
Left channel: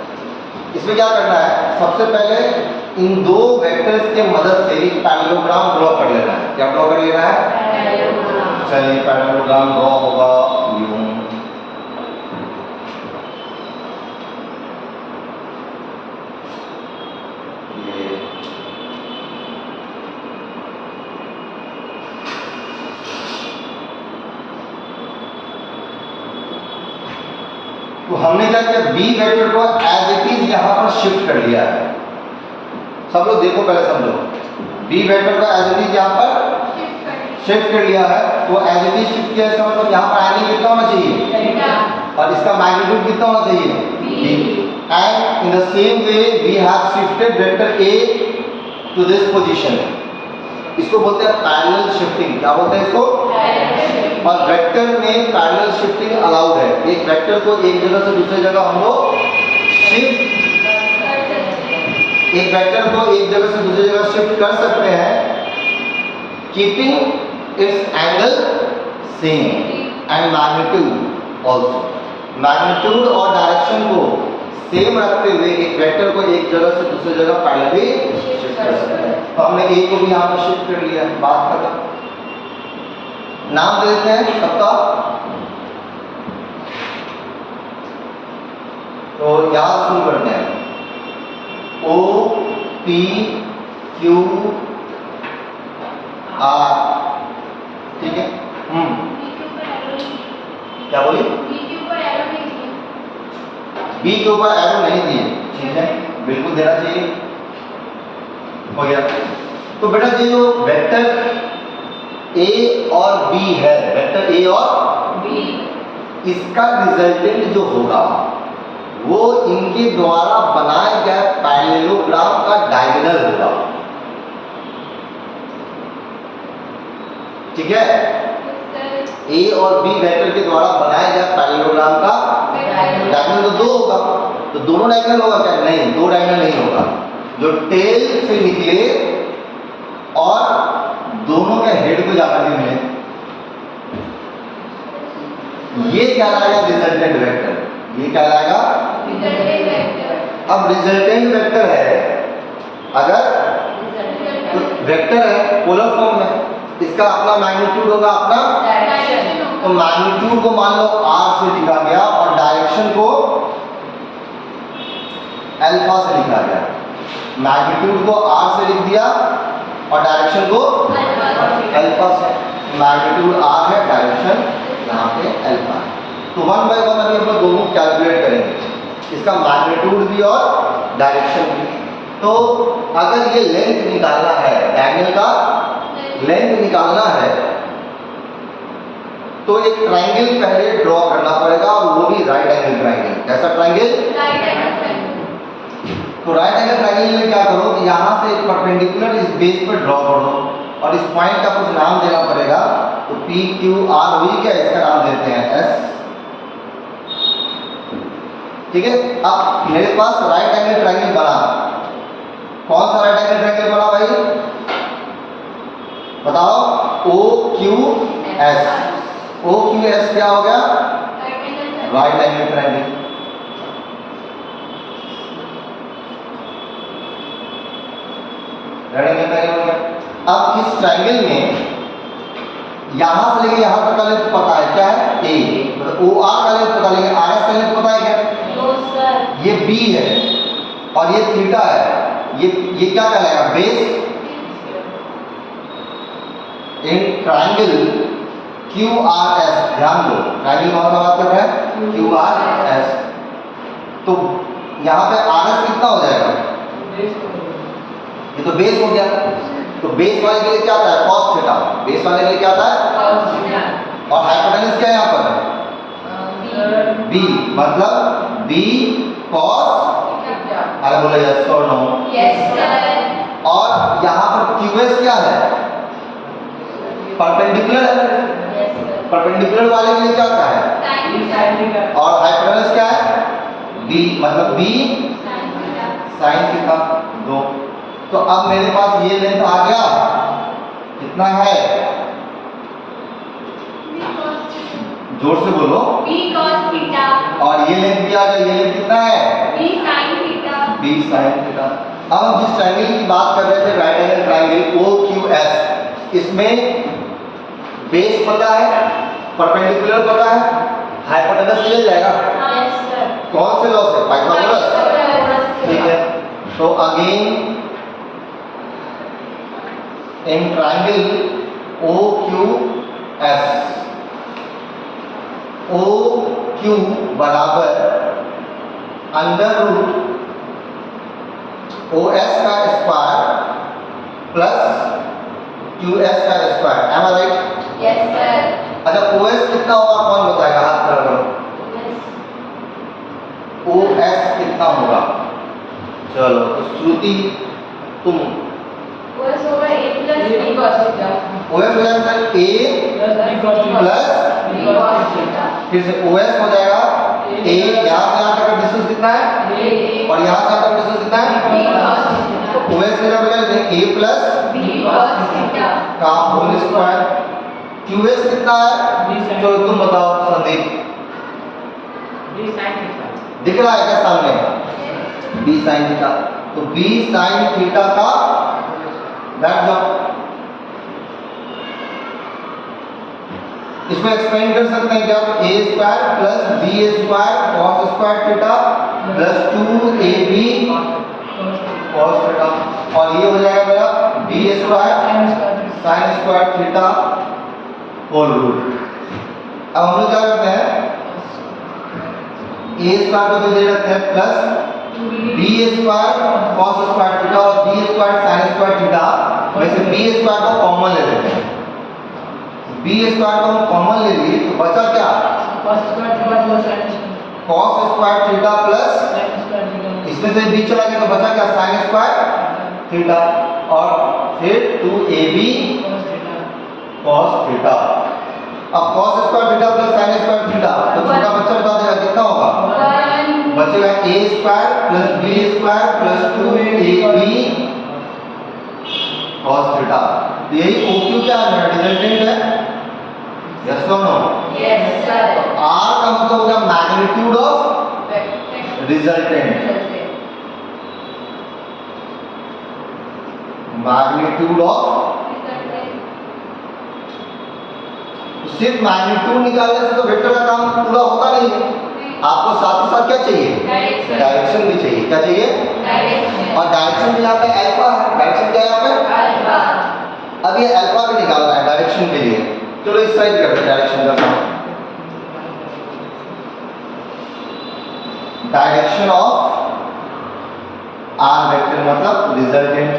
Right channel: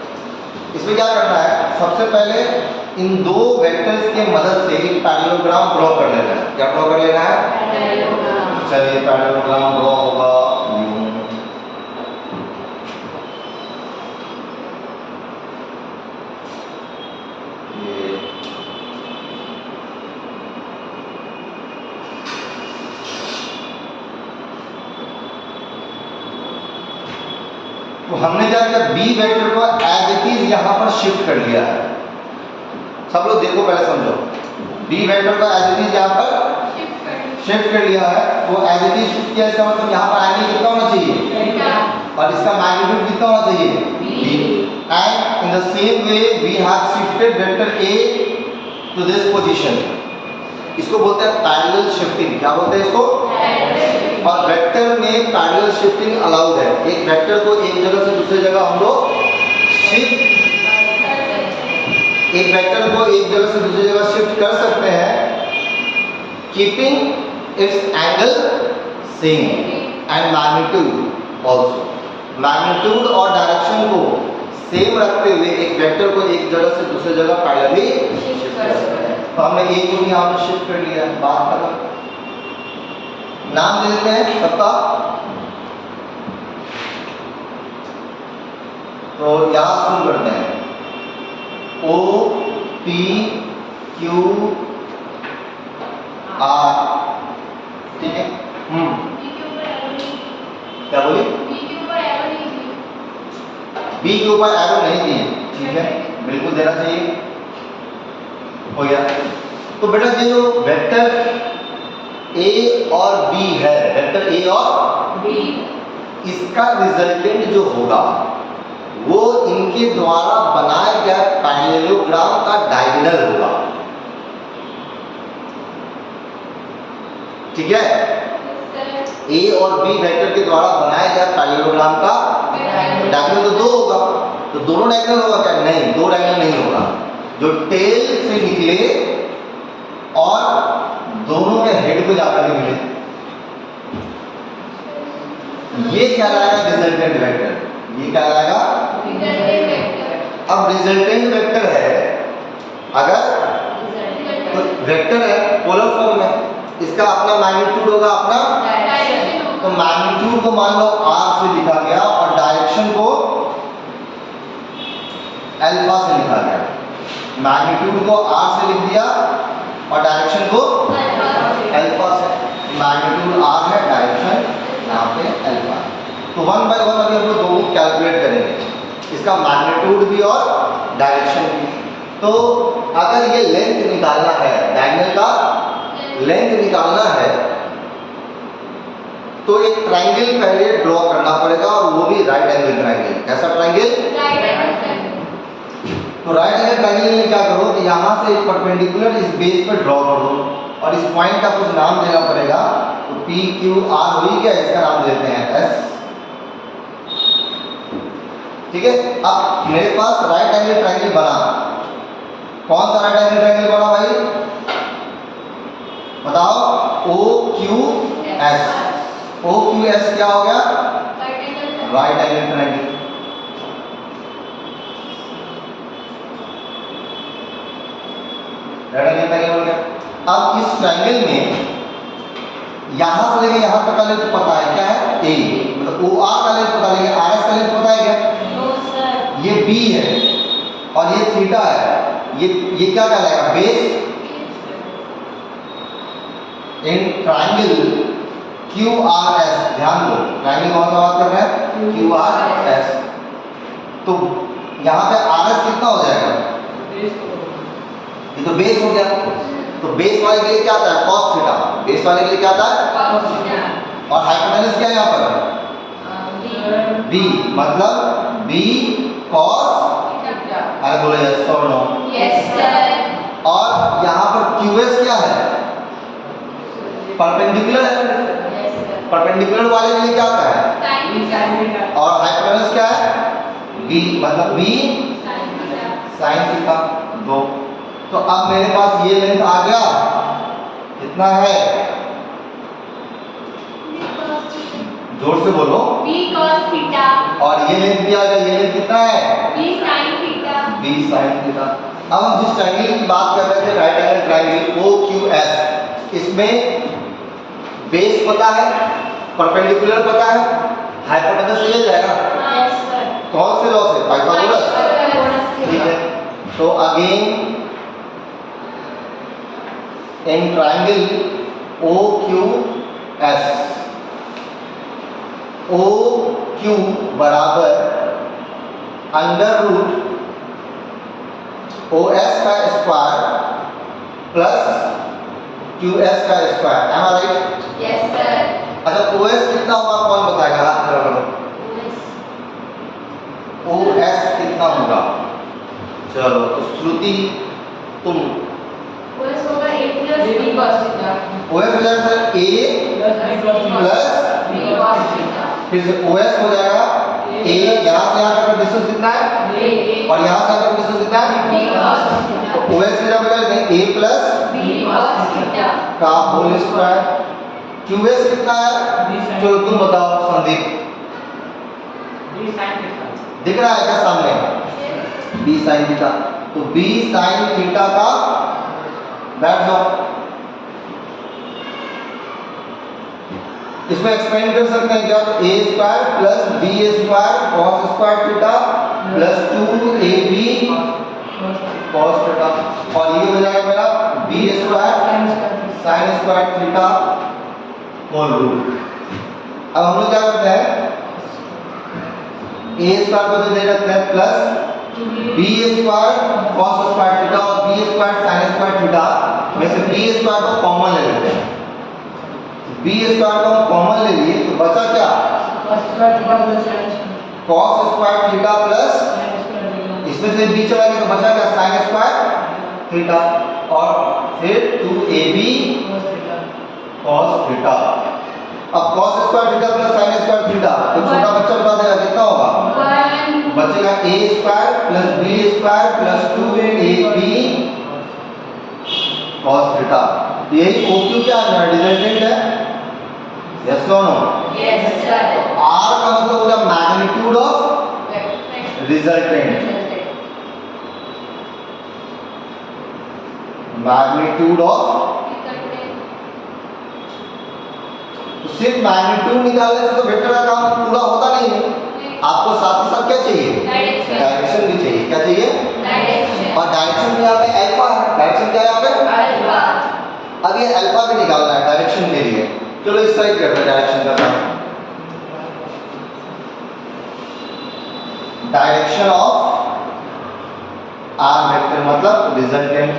इसमें क्या करना है, सबसे पहले इन दो वेक्टर्स के मदद से एक पैरेललोग्राम ड्रॉ कर लेना है। क्या ड्रॉ कर लेना है? चलिए पैरेललोग्राम ड्रॉ होगा यूं। तो हमने क्या किया, बी वेक्टर को एज इट इज यहां पर शिफ्ट कर लिया है। सब लोग देखो पहले समझो, बी वेक्टर को एज इट इज यहां पर शिफ्ट कर लिया है। वो एज इट इज शिफ्ट किया, इसका मतलब यहां पर एंगल कितना होना चाहिए और इसका मैग्नीट्यूड कितना होना चाहिए b। And in the same way we have shifted vector a to this position. इसको बोलते हैं पैरेलल शिफ्टिंग। क्या बोलते हैं इसको? और वेक्टर में पैरेलल शिफ्टिंग अलाउड है। एक वेक्टर को एक जगह से दूसरी जगह हम लोग शिफ्ट, एक वेक्टर को एक जगह से दूसरी जगह शिफ्ट कर सकते हैं, keeping it's angle same and magnitude also. Magnitude और डायरेक्शन को सेम रखते हुए एक वेक्टर को एक जगह से दूसरी जगह पैरेलली शिफ्ट कर सकते हैं। तो हमने ए को भी यहाँ पर शिफ्ट कर लिया है। बात खत्म। नाम दे देते हैं सबका। तो यहां शुरू करते हैं। ओ पी क्यू आर, ठीक है। क्या बोली? बी के ऊपर एरो नहीं दिए, ठीक है, बिल्कुल देना चाहिए। हो गया। तो बेटा ये जो वेक्टर ए और बी है, वेक्टर ए और बी, इसका रिजल्टेंट जो होगा वो इनके द्वारा बनाए गए पैरेललोग्राम का डायगोनल होगा। ठीक है, ए और बी वेक्टर के द्वारा बनाए गए पैरेललोग्राम का डायगोनल तो दो होगा। तो दोनों डायगोनल होगा क्या? नहीं, दो डायगोनल नहीं होगा। जो टेल से निकले और दोनों के हेड को जाकर के मिले, ये क्या लाएगा? Resultant vector. ये क्या लाएगा? अब रिजल्टेंट वेक्टर है, अगर वेक्टर है पोलर फॉर्म में, इसका अपना मैग्नीट्यूड होगा, अपना। तो मैग्नीट्यूड को मान लो r से लिखा गया और डायरेक्शन को अल्फा से लिखा गया। मैग्नीट्यूड को r से लिख दिया और डायरेक्शन को अल्फा से। मैग्नीट्यूड r है, डायरेक्शन यहाँ पे अल्फा। तो 1 बाय 1 अभी हम लोग दोनों कैलकुलेट करेंगे, इसका मैग्नीट्यूड भी और डायरेक्शन भी। तो अगर ये लेंथ निकालना है, डायगोनल का लेंथ निकालना है, तो एक ट्रायंगल पहले ड्रॉ करना पड़ेगा और वो भी राइट एंगल ट्रायंगल। ऐसा ट्रायंगल, तो राइट एंगल ट्रायंगल में क्या करो कि यहाँ से एक परपेंडिकुलर इस बेस पर ड्रॉ कर दो और इस पॉइंट का कुछ नाम देना पड़ेगा। तो पी क्यू आर हुई क्या, इसका नाम देते हैं एस। ठीक है, अब मेरे पास राइट एंगल ट्रायंगल बना। कौन सा राइट एंगल ट्रायंगल बना भाई? बताओ। O Q S. O Q S क्या हो गया? Right angle triangle. Right angle triangle बन गया। अब इस ट्रायंगल में यहां से लेके यहां तक का लेंथ पता है, क्या है? ए। मतलब ओ आर का लेंथ पता, लेकिन आर एस का लेंथ पता है क्या? ये बी है और ये थीटा है। ये क्या कहलाएगा? Base. In triangle Q R S, ध्यान दो ट्रायंगल कौन सा बात कर रहा है? Q R S. तो यहाँ पे आर एस कितना हो जाएगा? ये तो बेस हो गया। तो बेस वाले के लिए क्या आता है? Cos theta. बेस वाले के लिए क्या आता है? और हाइपोटेन्यूज क्या है यहाँ पर? बी, मतलब बी कॉस। अरे बोलो यस और नो? Yes sir. और यहाँ पर क्यूएस क्या है? परपेंडिकुलर है। परपेंडिकुलर वाले के लिए क्या होता है? और हाइपोटेन्यूज क्या है? बी, मतलब बी साइन थीटा। दो तो अब मेरे पास ये लेंथ आ गया, कितना है, जोर से बोलो। B cos थीटा और ये लेंथ भी आ गया, ये लेंथ कितना है, B sin theta. b sin theta. अब हम जिस ट्रायंगल की बात कर रहे थे, राइट एंगल ट्रायंगल OQS, इसमें बेस पता है, परपेंडिकुलर पता है, हाइपोटेनस मिल जाएगा। Yes sir। कौन से लॉ से, पाइथागोरस। ठीक है, तो again in triangle OQS, OQ बराबर अंडर रूट OS का स्क्वायर प्लस QS का स्क्वायर, एम आई राइट? Yes sir। अच्छा, OS कितना होगा कौन बताएगा, हाथ खड़ा करो। OS कितना होगा, चलो तो श्रुति तुम। OS होगा A plus B cos theta. OS हो जाएगा sir A plus, B cos theta. फिर से OS हो जाएगा A, यहाँ से यहाँ तक का डिस्टेंस कितना है, A और यहाँ से यहाँ तक डिस्टेंस कितना है, B cos तो थीटा। OS हो जाएगा A plus B cos theta. का होल स्क्वायर। QS कितना है, चलो तुम बताओ संदीप, दिख रहा है क्या सामने, B sin थीटा। तो B sin थीटा का, बैठ जाओ, इसमें एक्सपेंड कर सकते हैं क्या, तो a square plus b square cos square theta plus 2ab cos theta, और ये हो जाएगा मेरा b square sin square theta whole root. अब हम लोग क्या करते हैं, a स्क्वायर को दे रखते हैं plus b square cos square theta और b square sin square theta में से b स्क्वायर को कॉमन ले लेते हैं। b स्क्वायर को हम कॉमन ले लिए तो बचा क्या, cos स्क्वायर थीटा प्लस, इसमें से b चला गया तो बचा क्या, sin स्क्वायर थीटा, और फिर 2ab cos थीटा। अब cos square theta plus sin square theta, तो छोटा बच्चा बता देगा कितना होगा, बचेगा a square plus b square plus 2ab cos theta. तो यही OQ क्या है, रिजल्टेंट है, यस और नो। Yes sir। R का मतलब होगा magnitude of resultant, magnitude of, सिर्फ मैग्नीट्यूड निकालने से तो वेक्टर का काम पूरा होता नहीं है, आपको साथ ही साथ क्या चाहिए, डायरेक्शन भी चाहिए, क्या चाहिए, और डायरेक्शन भी यहाँ पे अल्फा है, डायरेक्शन क्या है यहाँ पे, अब ये अल्फा भी निकालना है डायरेक्शन के लिए। चलो इस साइड करते हैं डायरेक्शन का काम, डायरेक्शन ऑफ आर वेक्टर मतलब रिजल्टेंट।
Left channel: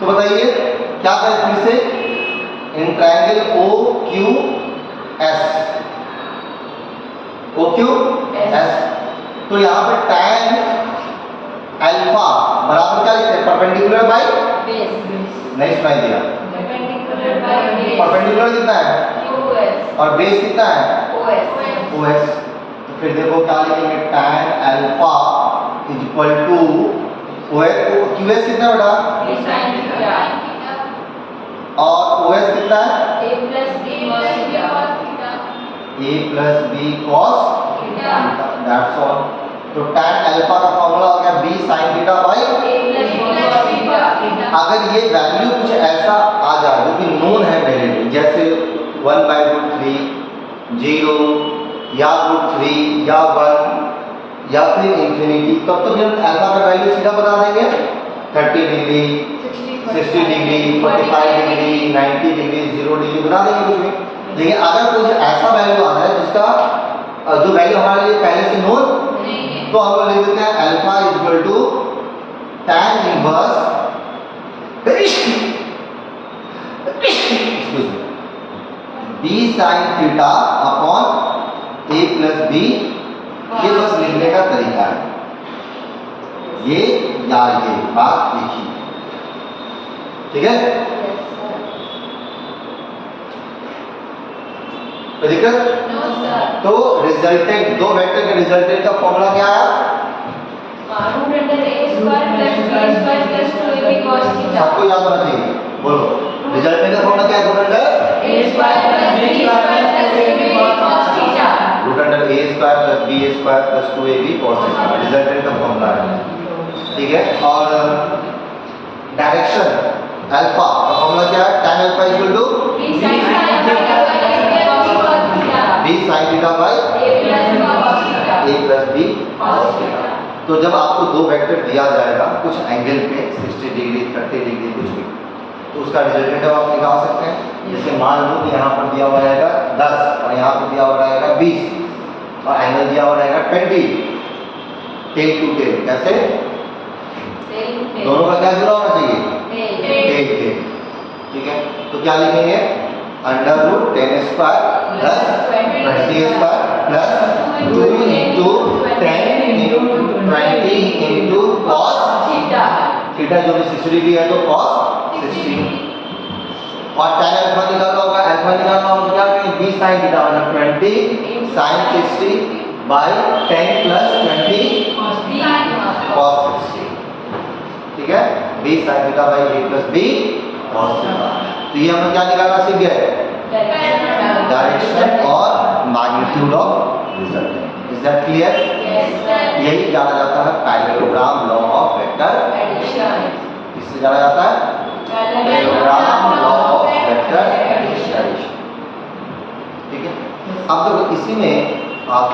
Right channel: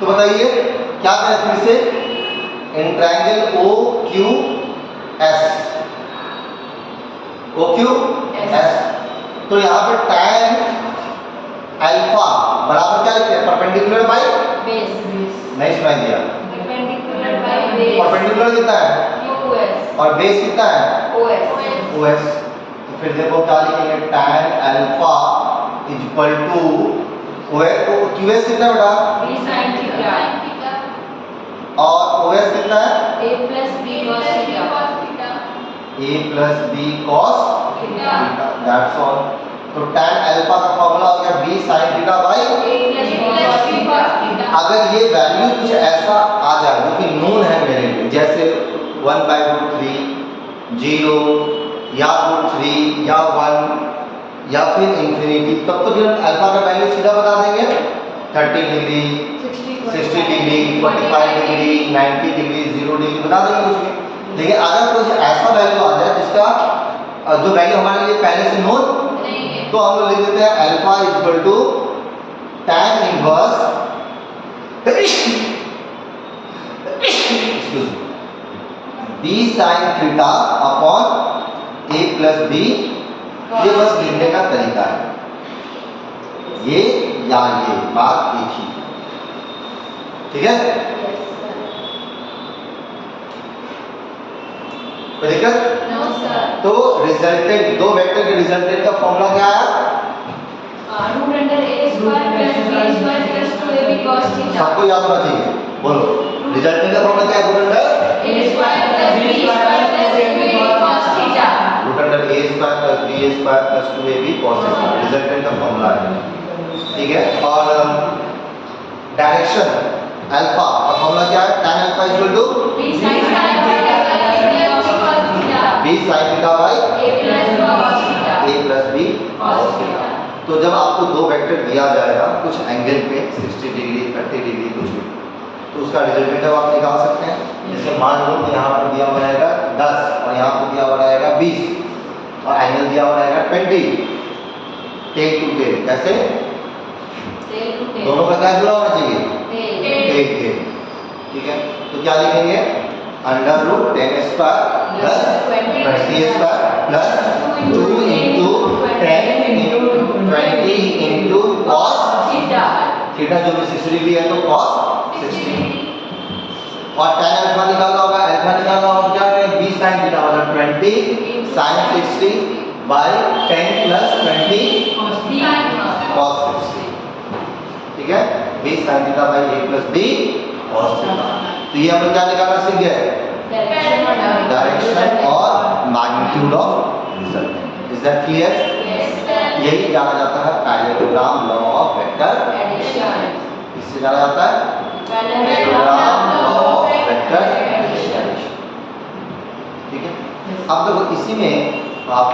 तो बताइए क्या करें फिर से, इन ट्रायंगल OQS, OQS, तो यहाँ पर tan अल्फा बराबर क्या लिखते हैं, परपेंडिकुलर बाय बेस। नहीं सुनाई दिया, परपेंडिकुलर बाय बेस। परपेंडिकुलर कितना है, QS और बेस कितना है, OS। OS। तो फिर देखो क्या लिखेंगे, tan alpha is equal to QS कितना है बेटा, B sin थीटा और OS कितना है, A plus B cos theta. A plus B cos theta. That's all. तो tan अल्फा का फॉर्मूला हो गया B sin theta by, A plus B cos theta. अगर ये वैल्यू कुछ ऐसा आ जाए जो कि नोन है मेरे लिए, जैसे 1/√3, 0 या √3 या 1 या फिर इंफिनिटी, तब तो फिर अल्फा का वैल्यू सीधा बता देंगे, 30 degree, 60 degree, 45 degree, 90 degree, 0 degree बता देंगे कुछ भी। लेकिन अगर कुछ ऐसा वैल्यू आ जाए जिसका जो वैल्यू हमारे लिए पहले से नोन, तो हम लोग लिख देते हैं alpha is equal to tan inverse B sin theta upon A plus B। ये बस लिखने का तरीका है, ये या ये बात देखिए, ठीक है, तो ठीक है। No sir। तो रिजल्टेंट, दो वेक्टर के रिजल्टेंट का फॉर्मूला क्या आया, root under square plus b square plus 2ab cos theta. सबको याद होना चाहिए, बोलो रिजल्टेंट का फॉर्मूला क्या है? Root under a square plus b square plus 2ab cos theta. Root under a square plus b square plus 2ab cos theta resultant का formula है, ठीक है। और डायरेक्शन अल्फा का फॉर्मूला क्या है? tan alpha equal to b sin theta cos theta. b sin theta by a plus b cos theta. a plus b cos theta. तो जब आपको दो वेक्टर दिया जाएगा कुछ एंगल पे 60 डिग्री 30 डिग्री कुछ भी, तो उसका रिजल्टेंट आप निकाल सकते हैं। जैसे मान लो कि यहाँ पर दिया हुआ रहेगा 10 और यहाँ पर दिया हुआ रहेगा 20 और एंगल दिया हुआ रहेगा 20, टेल टू टेल। कैसे? दोनों का क्या जुड़ा होना चाहिए? टेल टेल, ठीक है। तो क्या लिखेंगे? Under root 10 square plus 20 square plus 2 into 10 into 20 into cos theta. Theta जो भी 60 डिग्री है तो कॉस 60। और tan अल्फा निकालना होगा, अल्फा निकालना होगा क्या करें? b sin थीटा मतलब 20 sin 60 बाय 10 प्लस 20 cos 60, ठीक है। b sin theta by a plus b cos theta. तो ये हम लोग क्या निकालना सीख गए? डायरेक्शन और magnitude of resultant. Is that clear? यही जाना जाता है parallelogram law of vector addition. किससे जाना जाता है? Parallelogram law of vector addition, ठीक है। अब देखो इसी में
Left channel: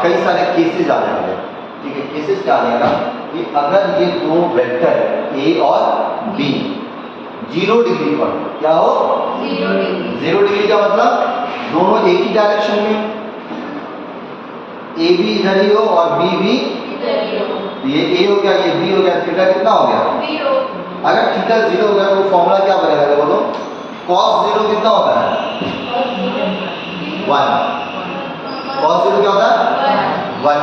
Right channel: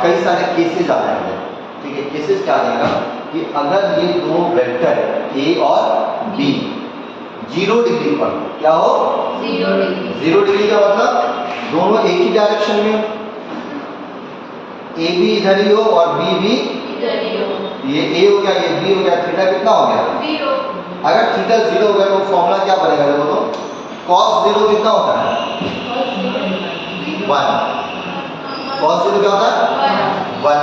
कई सारे केसेस आ जाएंगे, ठीक है। केसेस क्या आ जाएगा कि अगर ये दो वेक्टर a और b 0 डिग्री पर, क्या हो? 0 डिग्री का मतलब दोनों एक ही डायरेक्शन में, ए भी इधर ही हो और बी भी ये a हो गया ये b हो गया, थीटा कितना हो गया? अगर थीटा 0 हो गया तो फॉर्मूला क्या बनेगा? देखो तो cos 0 कितना होता है? 1। cos 0 क्या होता है? 1।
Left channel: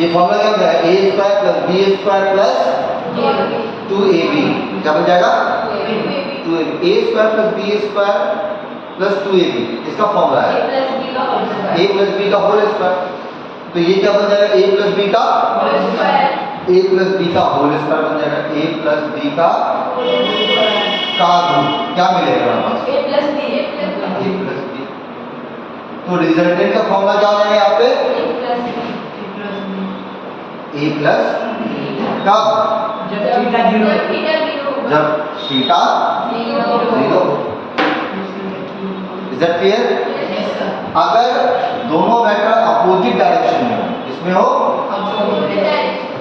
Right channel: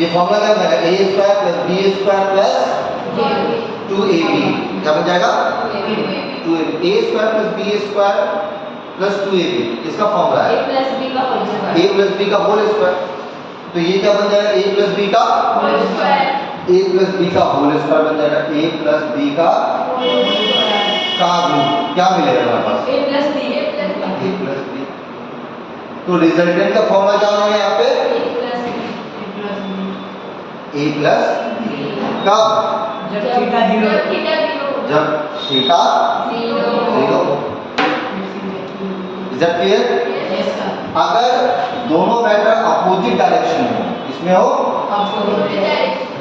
ये फॉर्मूला क्या बनेगा? a square plus b square plus 2ab क्या बन जाएगा? 2ab। a square plus b square plus 2ab इसका फॉर्मूला है a प्लस b का होल स्क्वायर। तो ये क्या बन जाएगा? a प्लस b का होल स्क्वायर बन जाएगा। a प्लस b का रूट क्या मिलेगा हमारे पास? a plus b। तो रिजल्टेंट का फॉर्मूला क्या हो जाएगा यहाँ पे? a प्लस कब? जब थीटा 0। Is that clear? अगर दोनों वेक्टर अपोजिट डायरेक्शन में हो, इसमें हो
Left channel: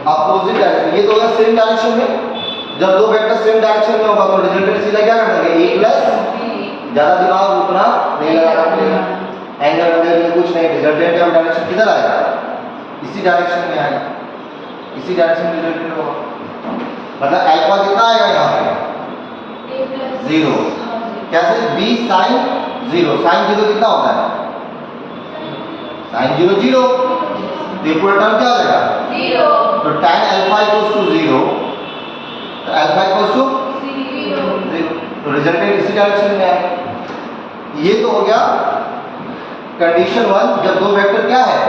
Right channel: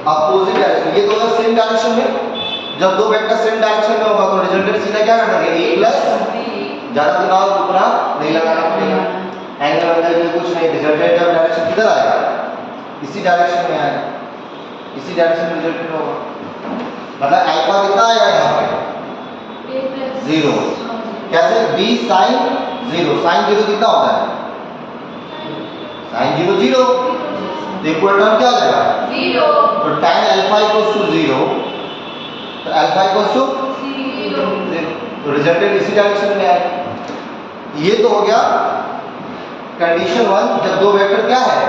अपोजिट डायरेक्शन, ये दोनों सेम डायरेक्शन में, जब दो वेक्टर सेम डायरेक्शन में होगा तो रिजल्टेंट सीधा क्या करेंगे? a प्लस, ज्यादा दिमाग रुकना नहीं लगाना पड़ेगा, एंगल वगैरह में कुछ नहीं, रिजल्टेंट का डायरेक्शन किधर आएगा? इसी डायरेक्शन में आएगा, इसी डायरेक्शन में रिजल्टेंट होगा। मतलब अल्फा कितना आएगा यहाँ पे? 0। कैसे? b sin 0, sin 0 कितना होता है? sin 0 0, तो इक्वल टर्म क्या हो जाएगा? तो tan अल्फा इक्वल्स टू 0, तो अल्फा इक्वल्स टू 0, तो रिजल्टेंट इसी डायरेक्शन में आएगा। ये तो हो गया कंडीशन 1, जब दो वेक्टर क्या है?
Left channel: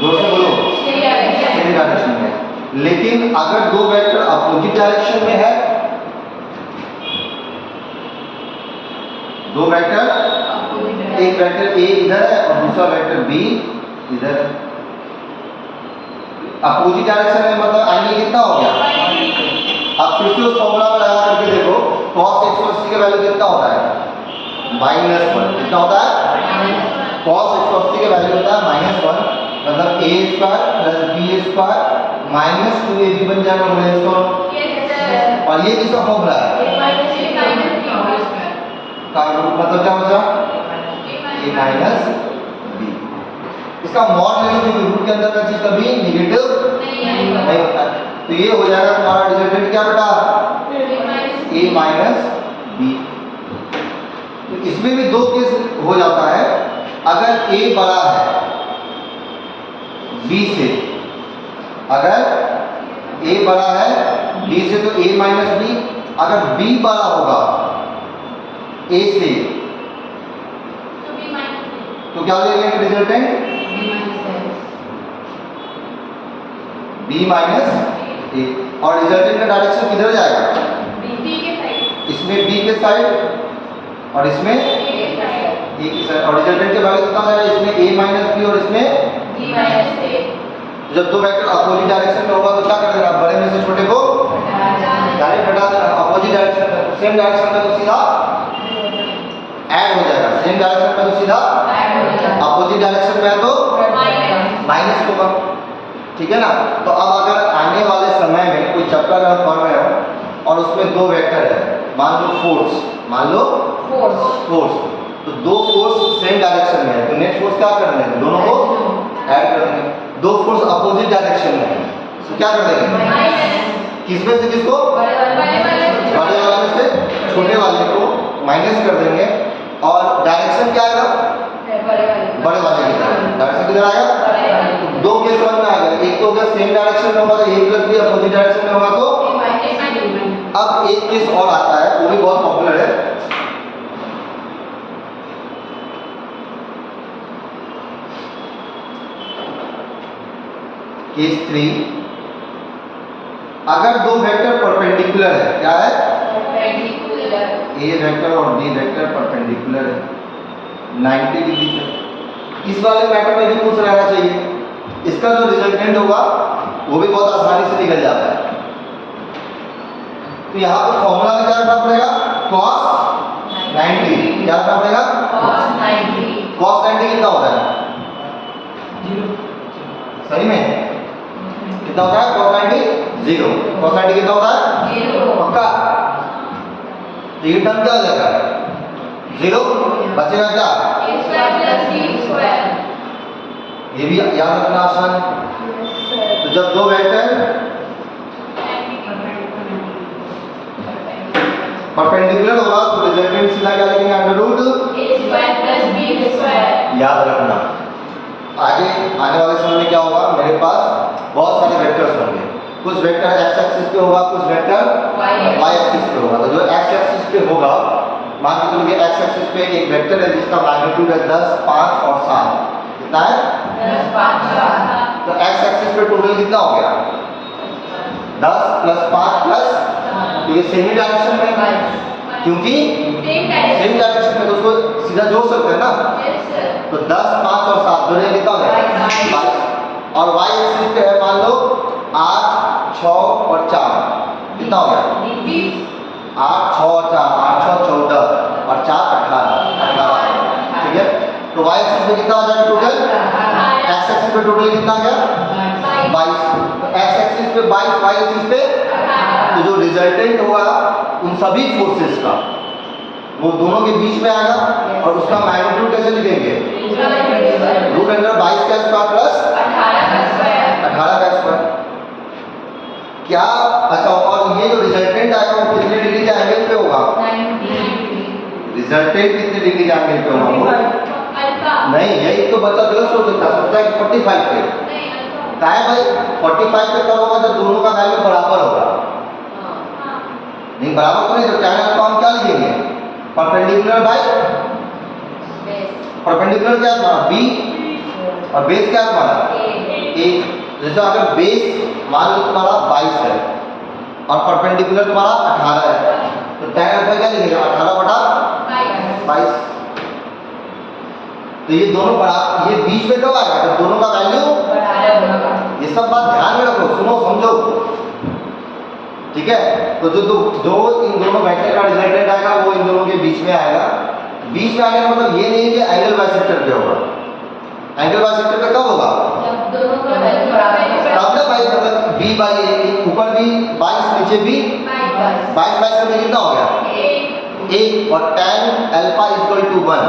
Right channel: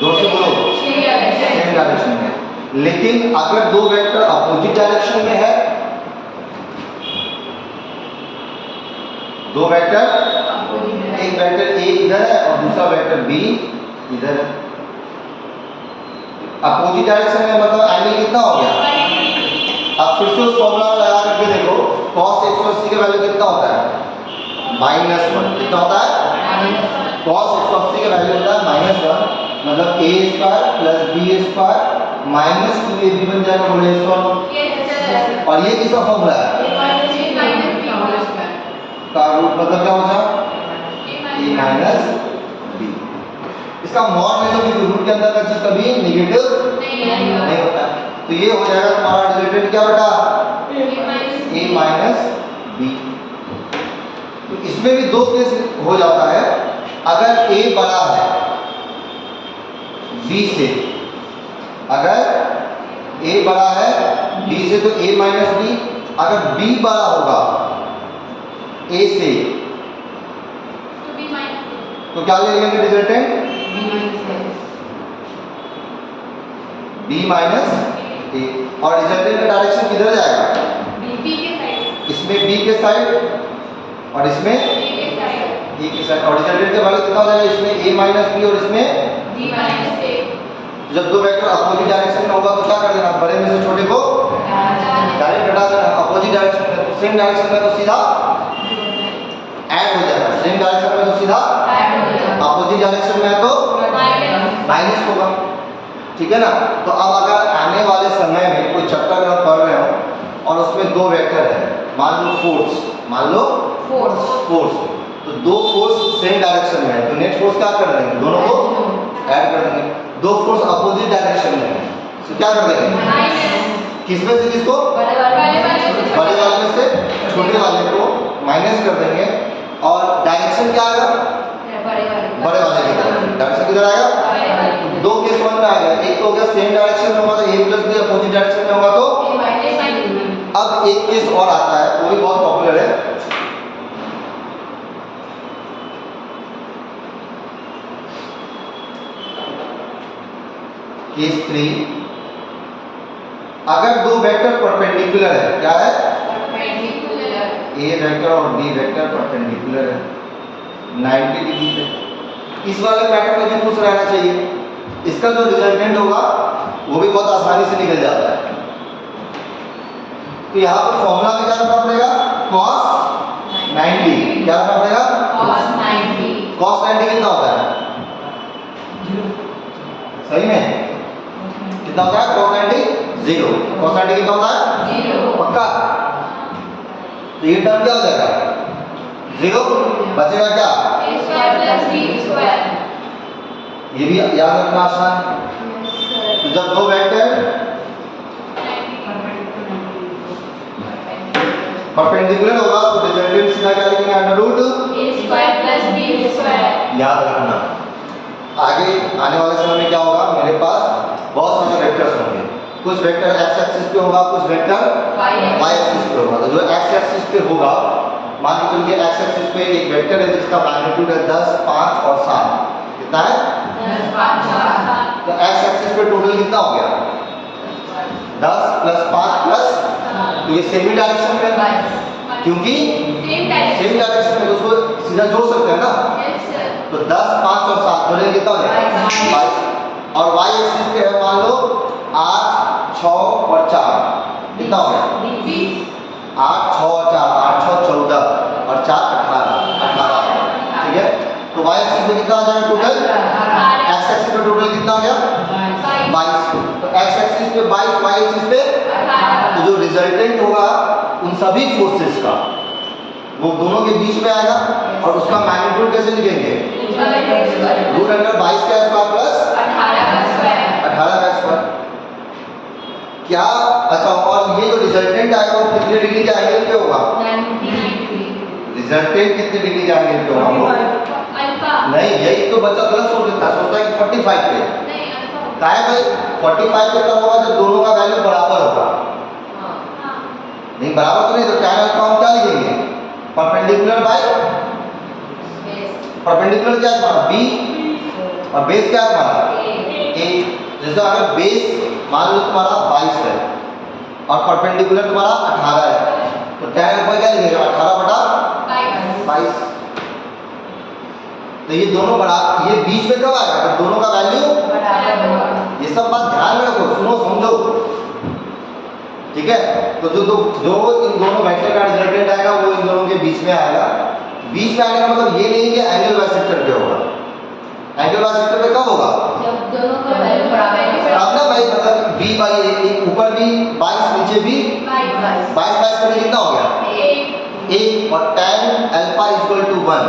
दो से बोलो सेम डायरेक्शन में। लेकिन अगर दो वेक्टर अपोजिट डायरेक्शन में है, दो वेक्टर, एक वेक्टर a इधर है और दूसरा वेक्टर b इधर है, अपोजिट डायरेक्शन में मतलब एंगल कितना हो गया? अब फिर से उस फॉर्मूला में लगा करके देखो, cos 180 का वैल्यू कितना होता है? -1। कितना होता है? cos 180 का वैल्यू होता है -1, मतलब a square plus b square minus 2ab बन जाएगा -1। और ये किसका फॉर्मूला है? का रूट मतलब क्या होता है? a minus b। इसका मॉड ले लो कि रूट के अंदर का चीज कभी नेगेटिव नहीं होता है। तो ये हो जाएगा तुम्हारा रिजल्टेंट क्या बेटा? a minus b। तो इसमें भी दो केस हो जाता है। अगर a बड़ा है b से, अगर a बड़ा है b से तो a माइनस b, अगर b बड़ा होगा a से तो क्या ले लेंगे रिजल्टेंट? b minus a। और रिजल्टेंट का डायरेक्शन किधर जाएगा? B के साइड, इसमें B के साइड और इसमें A के साइड, A के साइड। और रिजल्टेंट के वैल्यू कितना हो जाएगा? इसमें A माइनस B और इसमें B माइनस A, जब दो वेक्टर अपोजिट डायरेक्शन में होगा तो क्या कर देना? बड़े में से छोटे को डायरेक्ट हटा देना। अपोजिट डायरेक्शन में, सेम डायरेक्शन में तो सीधा ऐड हो जाएगा, सेम डायरेक्शन में तो सीधा, अपोजिट डायरेक्शन में है तो माइनस होगा। ठीक है ना? तो अब अगर आने वाले समय में कोई चैप्टर आप पढ़ रहे हो और उसमें दो वेक्टर है, मान लो फोर्स, मान लो फोर्स, तो दो फोर्स सेम डायरेक्शन में है तो नेट फोर्स क्या कर देंगे? दोनों को ऐड कर देंगे। दो फोर्स अपोजिट डायरेक्शन में है तो क्या कर देंगे? किसमें से किसको? बड़े वाले में से छोटे वाले को माइनस कर देंगे और डायरेक्शन क्या आएगा? बड़े वाले की तरफ। डायरेक्शन किधर आएगा? दो केस वन में आएगा। एक तो अगर सेम डायरेक्शन में होगा तो A plus B, opposite direction में होगा तो। अब एक केस और आता है, वो भी बहुत पॉपुलर है। केस 3, अगर दो वेक्टर परपेंडिकुलर है, क्या है? A वेक्टर और B वेक्टर परपेंडिकुलर है 90 डिग्री पे। इस वाले मैटर में भी खुश रहना चाहिए। इसका जो रिजल्टेंट होगा वो भी बहुत आसानी से निकल जाता है। तो यहाँ पर फॉर्मूला में क्या रखना पड़ेगा? cos 90। क्या रखना पड़ेगा? cos 90 कितना होता है? सही में कितना होता है? cos 90 0। cos 90 कितना होता है? पक्का? तो ये टर्म क्या हो जाएगा? 0 बचेगा क्या? ये भी याद रखना आसान। तो जब दो वेक्टर परपेंडिकुलर होगा तो रिजल्टेंट सीधा क्या लिखेंगे? अंडर रूट याद रखना। आगे आने वाले समय में क्या होगा? मेरे पास बहुत सारे वेक्टर्स होंगे। कुछ वेक्टर एक्स एक्सिस पे होगा, कुछ वेक्टर वाई एक्सिस पे होगा। तो जो एक्स एक्सिस पे होगा, मान के चलिए एक्स एक्सिस पे एक वेक्टर है जिसका मैग्नीट्यूड है 10, 5 और 7। कितना है? 10, 5, 7। तो एक्स एक्सिस पे टोटल कितना हो गया? 10 प्लस 5 प्लस, तो ये सेमी डायरेक्शन में, क्योंकि सेम डायरेक्शन में तो उसको सीधा जोड़ सकते हैं ना। तो 10, 5 और 7 जोड़ेंगे कितना हो जाएगा? 22। और वाई एक्सिस पे है मान लो 8, 6 और 4। कितना हो गया? 8, 6 और 4, 8, 6, 14 और 4, 18। ठीक है? तो वाई एक्सिस पे कितना आ जाएगा टोटल? एक्स एक्सिस पे टोटल कितना आ गया? 22। तो एक्स एक्सिस पे 22, वाई एक्सिस पे, तो जो रिजल्टेंट होगा उन सभी फोर्सेस का वो दोनों के बीच में आएगा। और उसका मैग्नीट्यूड कैसे लिखेंगे? रूट अंडर 22 का स्क्वायर प्लस 18 का स्क्वायर। क्या? अच्छा, और ये जो रिजल्टेंट आएगा वो कितने डिग्री के एंगल पे होगा? रिजल्टेंट कितने डिग्री के एंगल पे होगा? नहीं, यही तो बच्चा गलत सोच देता है, सोचता है कि 45 पे। क्या है भाई? 45 पे कब होगा? जब दोनों का वैल्यू बराबर होगा। नहीं बराबर तो नहीं, तो tan अल्फा हम क्या लिखेंगे? परपेंडिकुलर बाय परपेंडिकुलर क्या है तुम्हारा? B और बेस क्या है तुम्हारा? A। जैसे अगर बेस मान लो तुम्हारा 22 है और परपेंडिकुलर तुम्हारा 18 है, तो tan अल्फा क्या लिखेगा? 18/22। तो ये दोनों बराबर, ये बीच में कब आएगा? जब दोनों का वैल्यू, ये सब बात ध्यान में रखो, सुनो समझो। ठीक है? तो जो इन दोनों वेक्टर का रिजल्टेंट आएगा वो इन दोनों के बीच में आएगा। बीच में आने का मतलब ये नहीं कि एंगल बाइसेक्टर पे होगा। एंगल बाइसेक्टर पे कब होगा? जब दोनों का वैल्यू बराबर तब ना भाई, मतलब b बाई a, ऊपर भी 22 नीचे भी 22 करके कितना हो गया? a। और tan alpha equal to 1,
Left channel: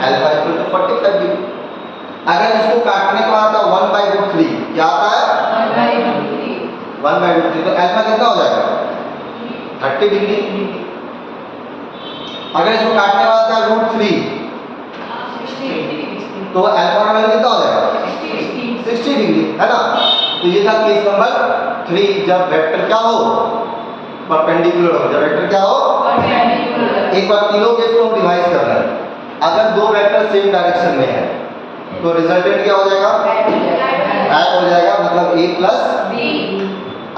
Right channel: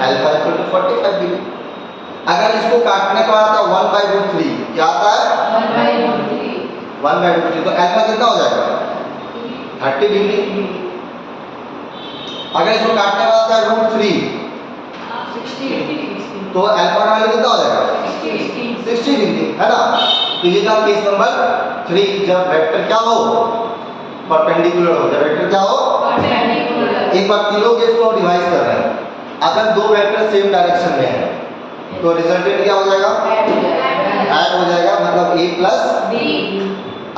alpha equal to 45 degree. अगर इसको काटने को आता है 1/√3, क्या आता है? 1/√3। तो अल्फा कितना हो जाएगा? 30 डिग्री। अगर इसको काटने वाला था √3, तो अल्फा का वैल्यू कितना हो जाएगा? 60 डिग्री, है ना? तो ये था केस नंबर 3, जब वेक्टर क्या हो? परपेंडिकुलर हो। जब वेक्टर क्या हो? एक बार तीनों केस को रिवाइज कर रहे हैं। अगर दो वेक्टर सेम डायरेक्शन में है तो रिजल्टेंट क्या हो जाएगा? ऐड हो जाएगा, मतलब a प्लस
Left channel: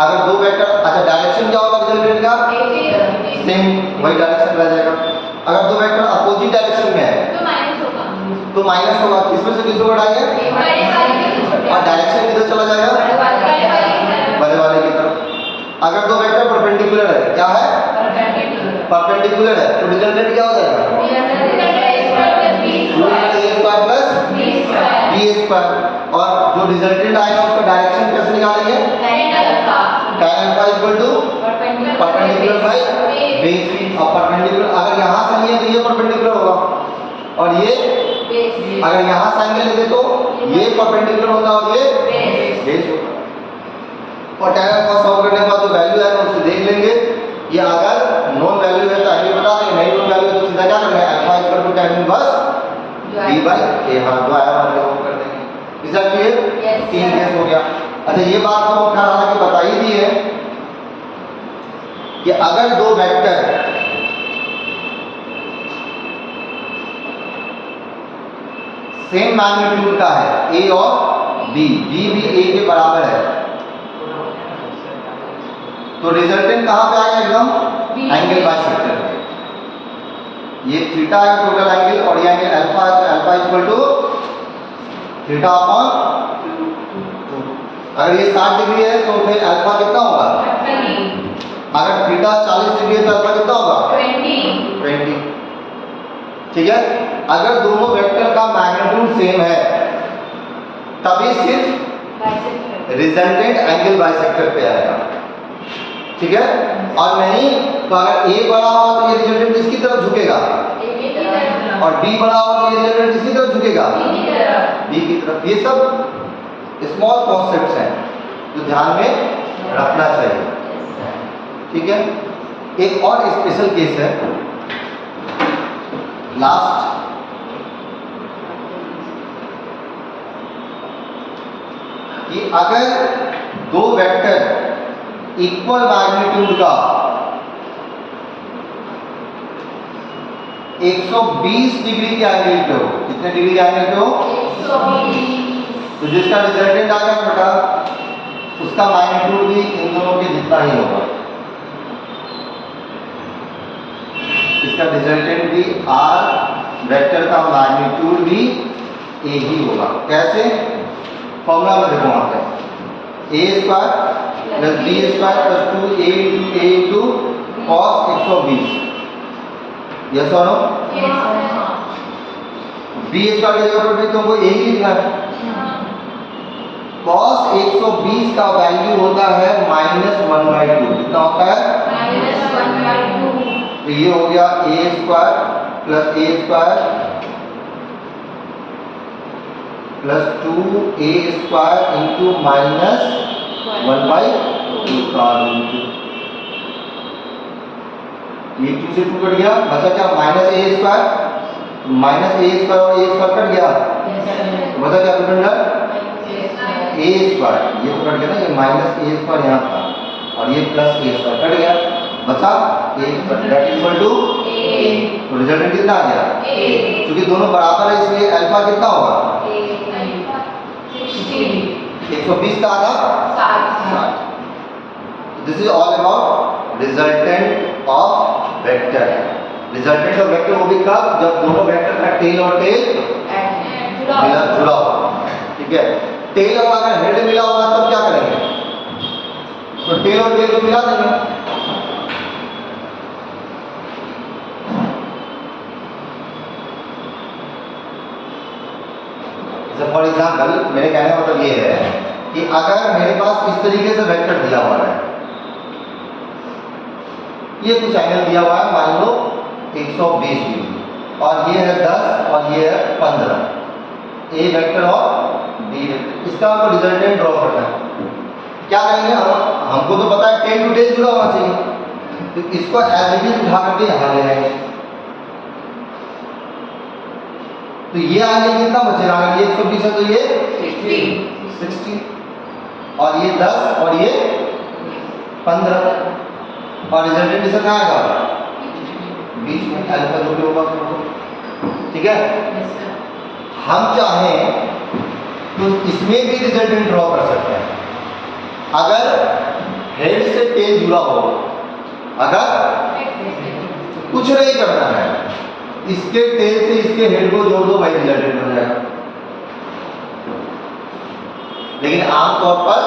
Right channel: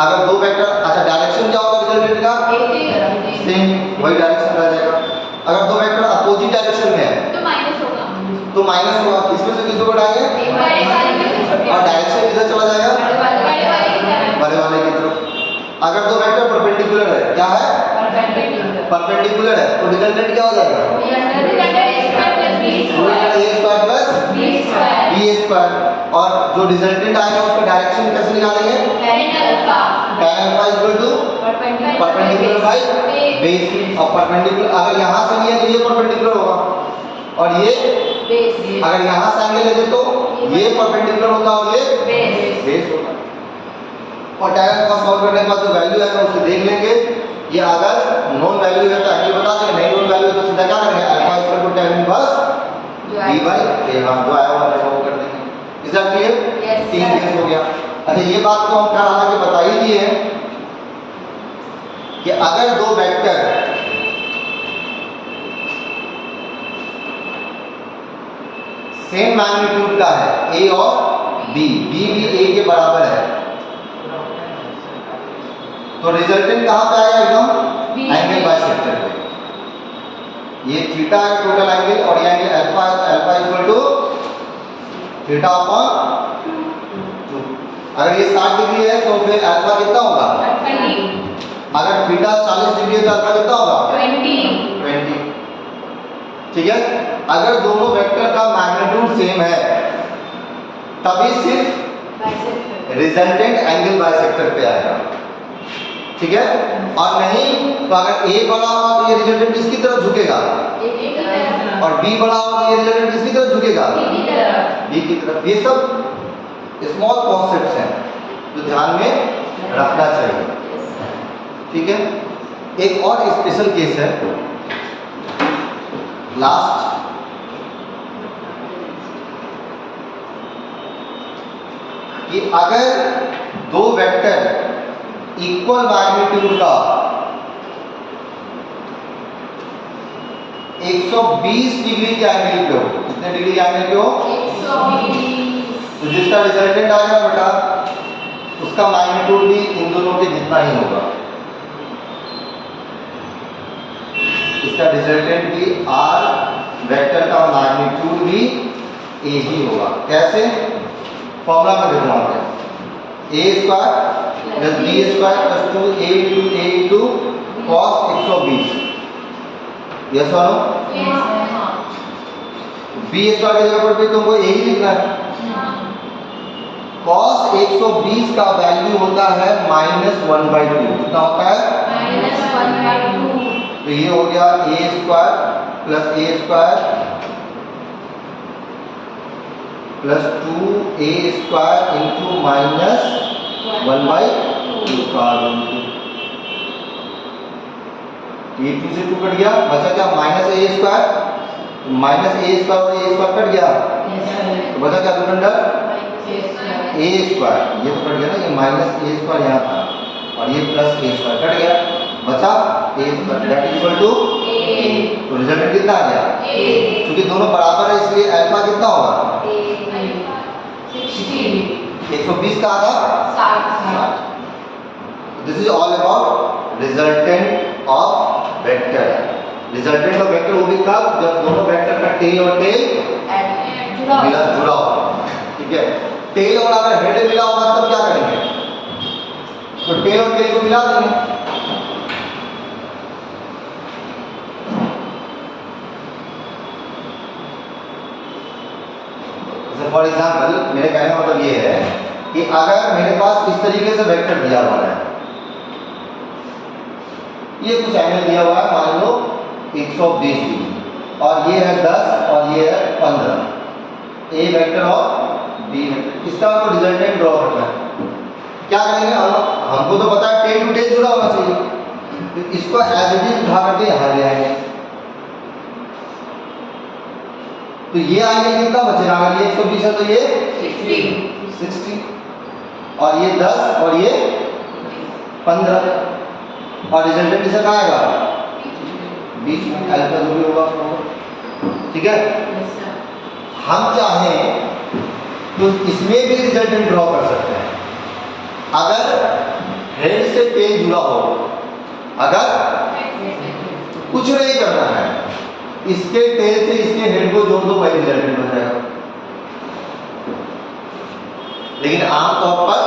अगर दो वेक्टर, अच्छा डायरेक्शन क्या होगा रिजल्टेंट का? सेम, वही डायरेक्शन रह जाएगा। अगर दो वेक्टर अपोजिट डायरेक्शन में है तो माइनस होगा। तो माइनस होगा, इसमें से किसको घटाएंगे? बड़े वाले में से छोटे और डायरेक्शन किधर चला जाएगा? बड़े वाले की तरफ। बड़े वाले की तरफ। अगर दो वेक्टर परपेंडिकुलर है, क्या है? परपेंडिकुलर है, तो रिजल्टेंट क्या हो जाएगा? B square. और जो रिजल्टेंट आएगा उसका डायरेक्शन कैसे निकालेंगे? tan alpha equal to perpendicular by base. और परपेंडिकुलर अगर यहाँ से लिए तो ये परपेंडिकुलर होगा, और ये अगर यहाँ से एंगल लेते तो ये परपेंडिकुलर होगा और ये बेस होगा। और tan अल्फा सॉल्व करने के बाद जो वैल्यू है उससे देख लेंगे। ये अगर नॉन वैल्यू है तो एंगल बता देंगे, नहीं नॉन वैल्यू है तो सीधा क्या करेंगे? Alpha equal to tan inverse b by a। हाँ, जो आया वाला वो कर देंगे। Result clear? तीन केस हो गया। अच्छा, ये बात तो हम कल आगे बता ही दी है कि अगर दो वेक्टर सेम मैग्नीट्यूड का है, a और b, b भी a के बराबर है, तो रिजल्टेंट कहां पे आएगा? एकदम एंगल बाइसेक्टर पे। ये थीटा है टोटल एंगल, और ये एंगल अल्फा है, तो alpha equal to theta upon 2। अगर ये 60 डिग्री है तो फिर अल्फा कितना होगा? अगर थीटा 40 डिग्री है तो अल्फा कितना होगा? 20। ठीक है। अगर दोनों वेक्टर का मैग्नीट्यूड सेम है तभी सिर्फ रिजल्टेंट एंगल बाइसेक्टर पे आएगा। ठीक है। और नहीं तो अगर a बड़ा होगा तो ये रिजल्टेंट किसकी तरफ झुकेगा? और b बड़ा होगा तो ये रिजल्टेंट किसकी तरफ झुकेगा? b की तरफ। ये सब स्मॉल कॉन्सेप्ट्स हैं जो ध्यान में रखना चाहिए। ठीक है। एक और स्पेशल केस है लास्ट, कि अगर दो वेक्टर इक्वल मैग्नीट्यूड का 120 डिग्री के एंगल पे हो, कितने डिग्री एंगल पे हो? 120। तो जिसका रिजल्टेंट आ गया बेटा, उसका मैग्नीट्यूड भी इन दोनों के जितना ही होगा। इसका रिजल्टेंट भी r, वेक्टर का मैग्नीट्यूड भी a ही होगा। कैसे? फॉर्मूला में देखो वहां पे a square plus b square plus 2a into cos 120। Yes और नो? b स्क्वायर की जगह पर तुमको a ही लिखना है। cos 120 का वैल्यू होता है -1/2। कितना होता है? -1/2। तो ये हो गया a square plus a square plus 2a square into -1/2। ये 2 से 2 कट गया, बचा क्या? -a स्क्वायर, -a स्क्वायर और a स्क्वायर कट गया, तो बचा क्या रिमाइंडर? a square. ये तो कट गया ना, ये -a स्क्वायर यहाँ था और ये प्लस a स्क्वायर कट गया, बचा a square that is equal to a। तो रिजल्टेंट कितना आ गया? a। क्योंकि दोनों बराबर है इसलिए अल्फा कितना होगा? 120 का आधा 60। This is all about resultant of vector. Resultant of vector वो भी कब? जब दोनों वेक्टर का टेल और टेल जुड़ा हो। ठीक है। टेल और अगर हेड मिला होगा तो क्या करेंगे? तो टेल और टेल को मिला देंगे। फॉर एग्जाम्पल मेरे कहने का मतलब ये है कि अगर मेरे पास इस तरीके से वेक्टर दिया हुआ है, ये कुछ एंगल दिया हुआ है, मान लो 120 डिग्री, और ये है 10 और ये है 15, ए वेक्टर और बी वेक्टर। इसका हमको रिजल्टेंट ड्रॉ करना है। क्या करेंगे हमको तो पता है टेल टू टेल जुड़ा होना चाहिए, तो इसको एज इट इज उठा करके यहाँ ले आएंगे। तो ये आएंगे कितना बचेगा? अगर ये 120 है तो ये 60 और ये 10 और ये 15, और रिजल्टेंट इसका कहाँ आएगा? बीच में अल्फा जो भी होगा उसमें। ठीक है। हम चाहें तो इसमें भी रिजल्टेंट ड्रॉ कर सकते हैं। अगर हेड से टेल जुड़ा हो, अगर कुछ नहीं करना है, इसके टेल से इसके हेड को जोड़ दो, भाई रिजल्टेंट हो जाएगा। लेकिन आमतौर पर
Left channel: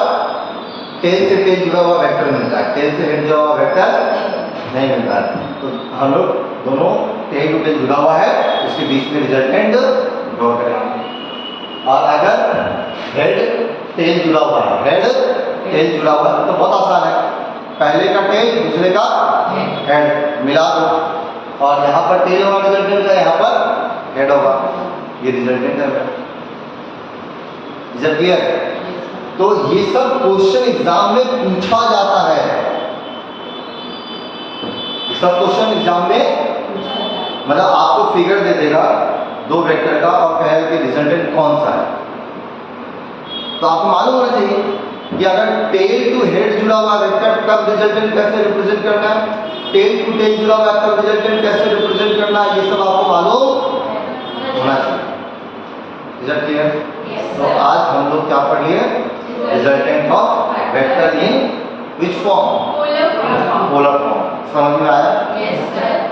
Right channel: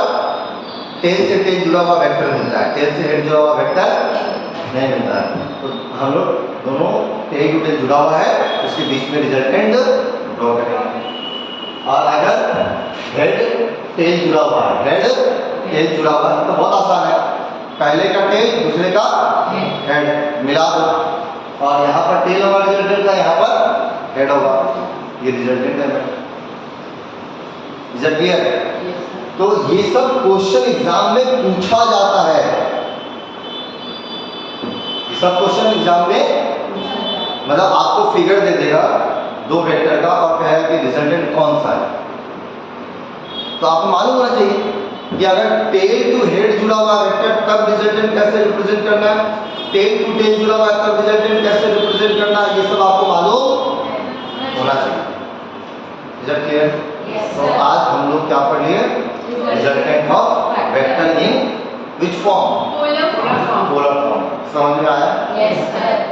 टेल से टेल जुड़ा हुआ वेक्टर मिलता है, टेल से हेड जुड़ा हुआ वेक्टर नहीं मिलता है। तो हम लोग दोनों टेल टू टेल जुड़ा हुआ है, उसके बीच में रिजल्टेंट ड्रॉ करेंगे। और अगर हेड टेल जुड़ा हुआ है, हेड टेल जुड़ा हुआ है, तो बहुत आसान है, पहले का टेल दूसरे का हेड मिला दो, और यहाँ पर टेल होगा रिजल्टेंट का, यहाँ पर हेड होगा, ये रिजल्टेंट है मेरा। Is it clear? तो ये सब क्वेश्चन एग्जाम में पूछा जाता है, ये सब क्वेश्चन एग्जाम में मतलब आपको फिगर दे देगा दो वेक्टर का और कहेगा कि रिजल्टेंट कौन सा है। तो आपको मालूम होना चाहिए कि अगर टेल टू हेड जुड़ा हुआ वेक्टर तब रिजल्टेंट कैसे रिप्रेजेंट करना है, टेल टू टेल जुड़ा हुआ है तब रिजल्टेंट कैसे रिप्रेजेंट करना है, ये सब आपको मालूम होना चाहिए। Is it clear? तो आज हम लोग क्या पढ़ लिए? Resultant of vector in which form? Polar form. समझ में आया?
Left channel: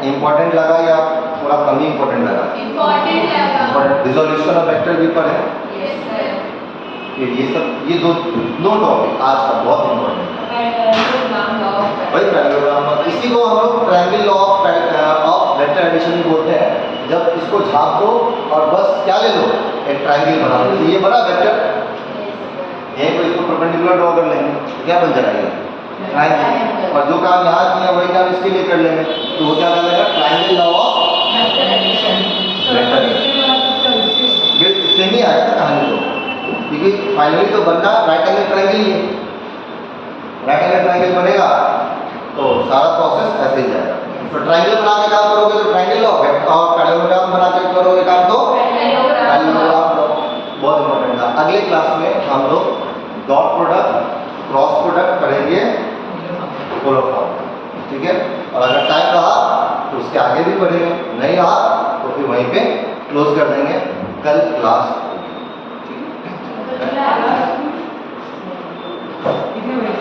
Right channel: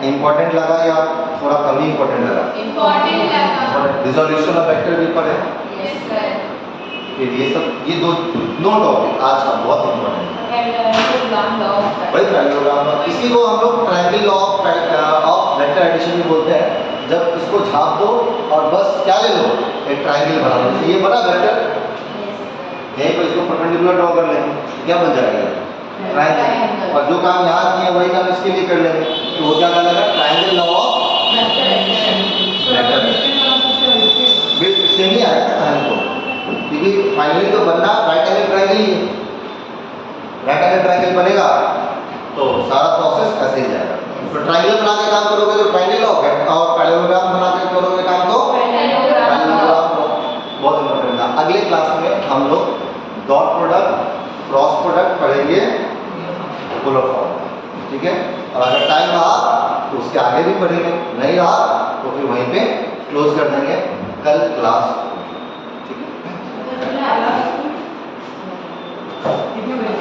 इंपॉर्टेंट लगा या थोड़ा कम ही इंपॉर्टेंट लगा? इंपॉर्टेंट। रिजोल्यूशन ऑफ वेक्टर भी पढ़े। फिर ये सब, ये दो टॉपिक आज का बहुत इंपॉर्टेंट है। वही पैरेललोग्राम, इसी को हम लोग triangle law of vector addition भी बोलते हैं। जब इसको झाप दो और बस क्या ले लो, एक ट्रायंगल बना लो। ये बना वेक्टर, यहीं पर इसको परपेंडिकुलर ड्रॉ कर लेंगे, क्या बन जाएगा? ट्रायंगल। और जो काम यहाँ किया वही काम इसके लिए कर लेंगे, तो वो क्या कहलाएगा? Triangle law of vector. बिल्कुल सेम ही आएगा कहानी को, क्योंकि फाइनली तो बनना राइट एंगल ट्रायंगल ही है। राइट एंगल ट्रायंगल बनेगा तो सारा प्रोसेस ऐसे ही जाएगा। तो ट्रायंगल बना के काम करोगे तो ट्रायंगल लॉ, और पैरेललोग्राम बना के करोगे काम तो पैरेललोग्राम लॉ। बहुत इंपॉर्टेंट था। अगले क्लास में हम लोग डॉट प्रोडक्ट, क्रॉस प्रोडक्ट पढ़ेंगे पोलर फॉर्म, ठीक है? और अगर टाइम रहा तो उसके आगे भी पढ़ेंगे, नहीं रहा तो फिर वहीं पे क्लोज कर देंगे। कल क्लास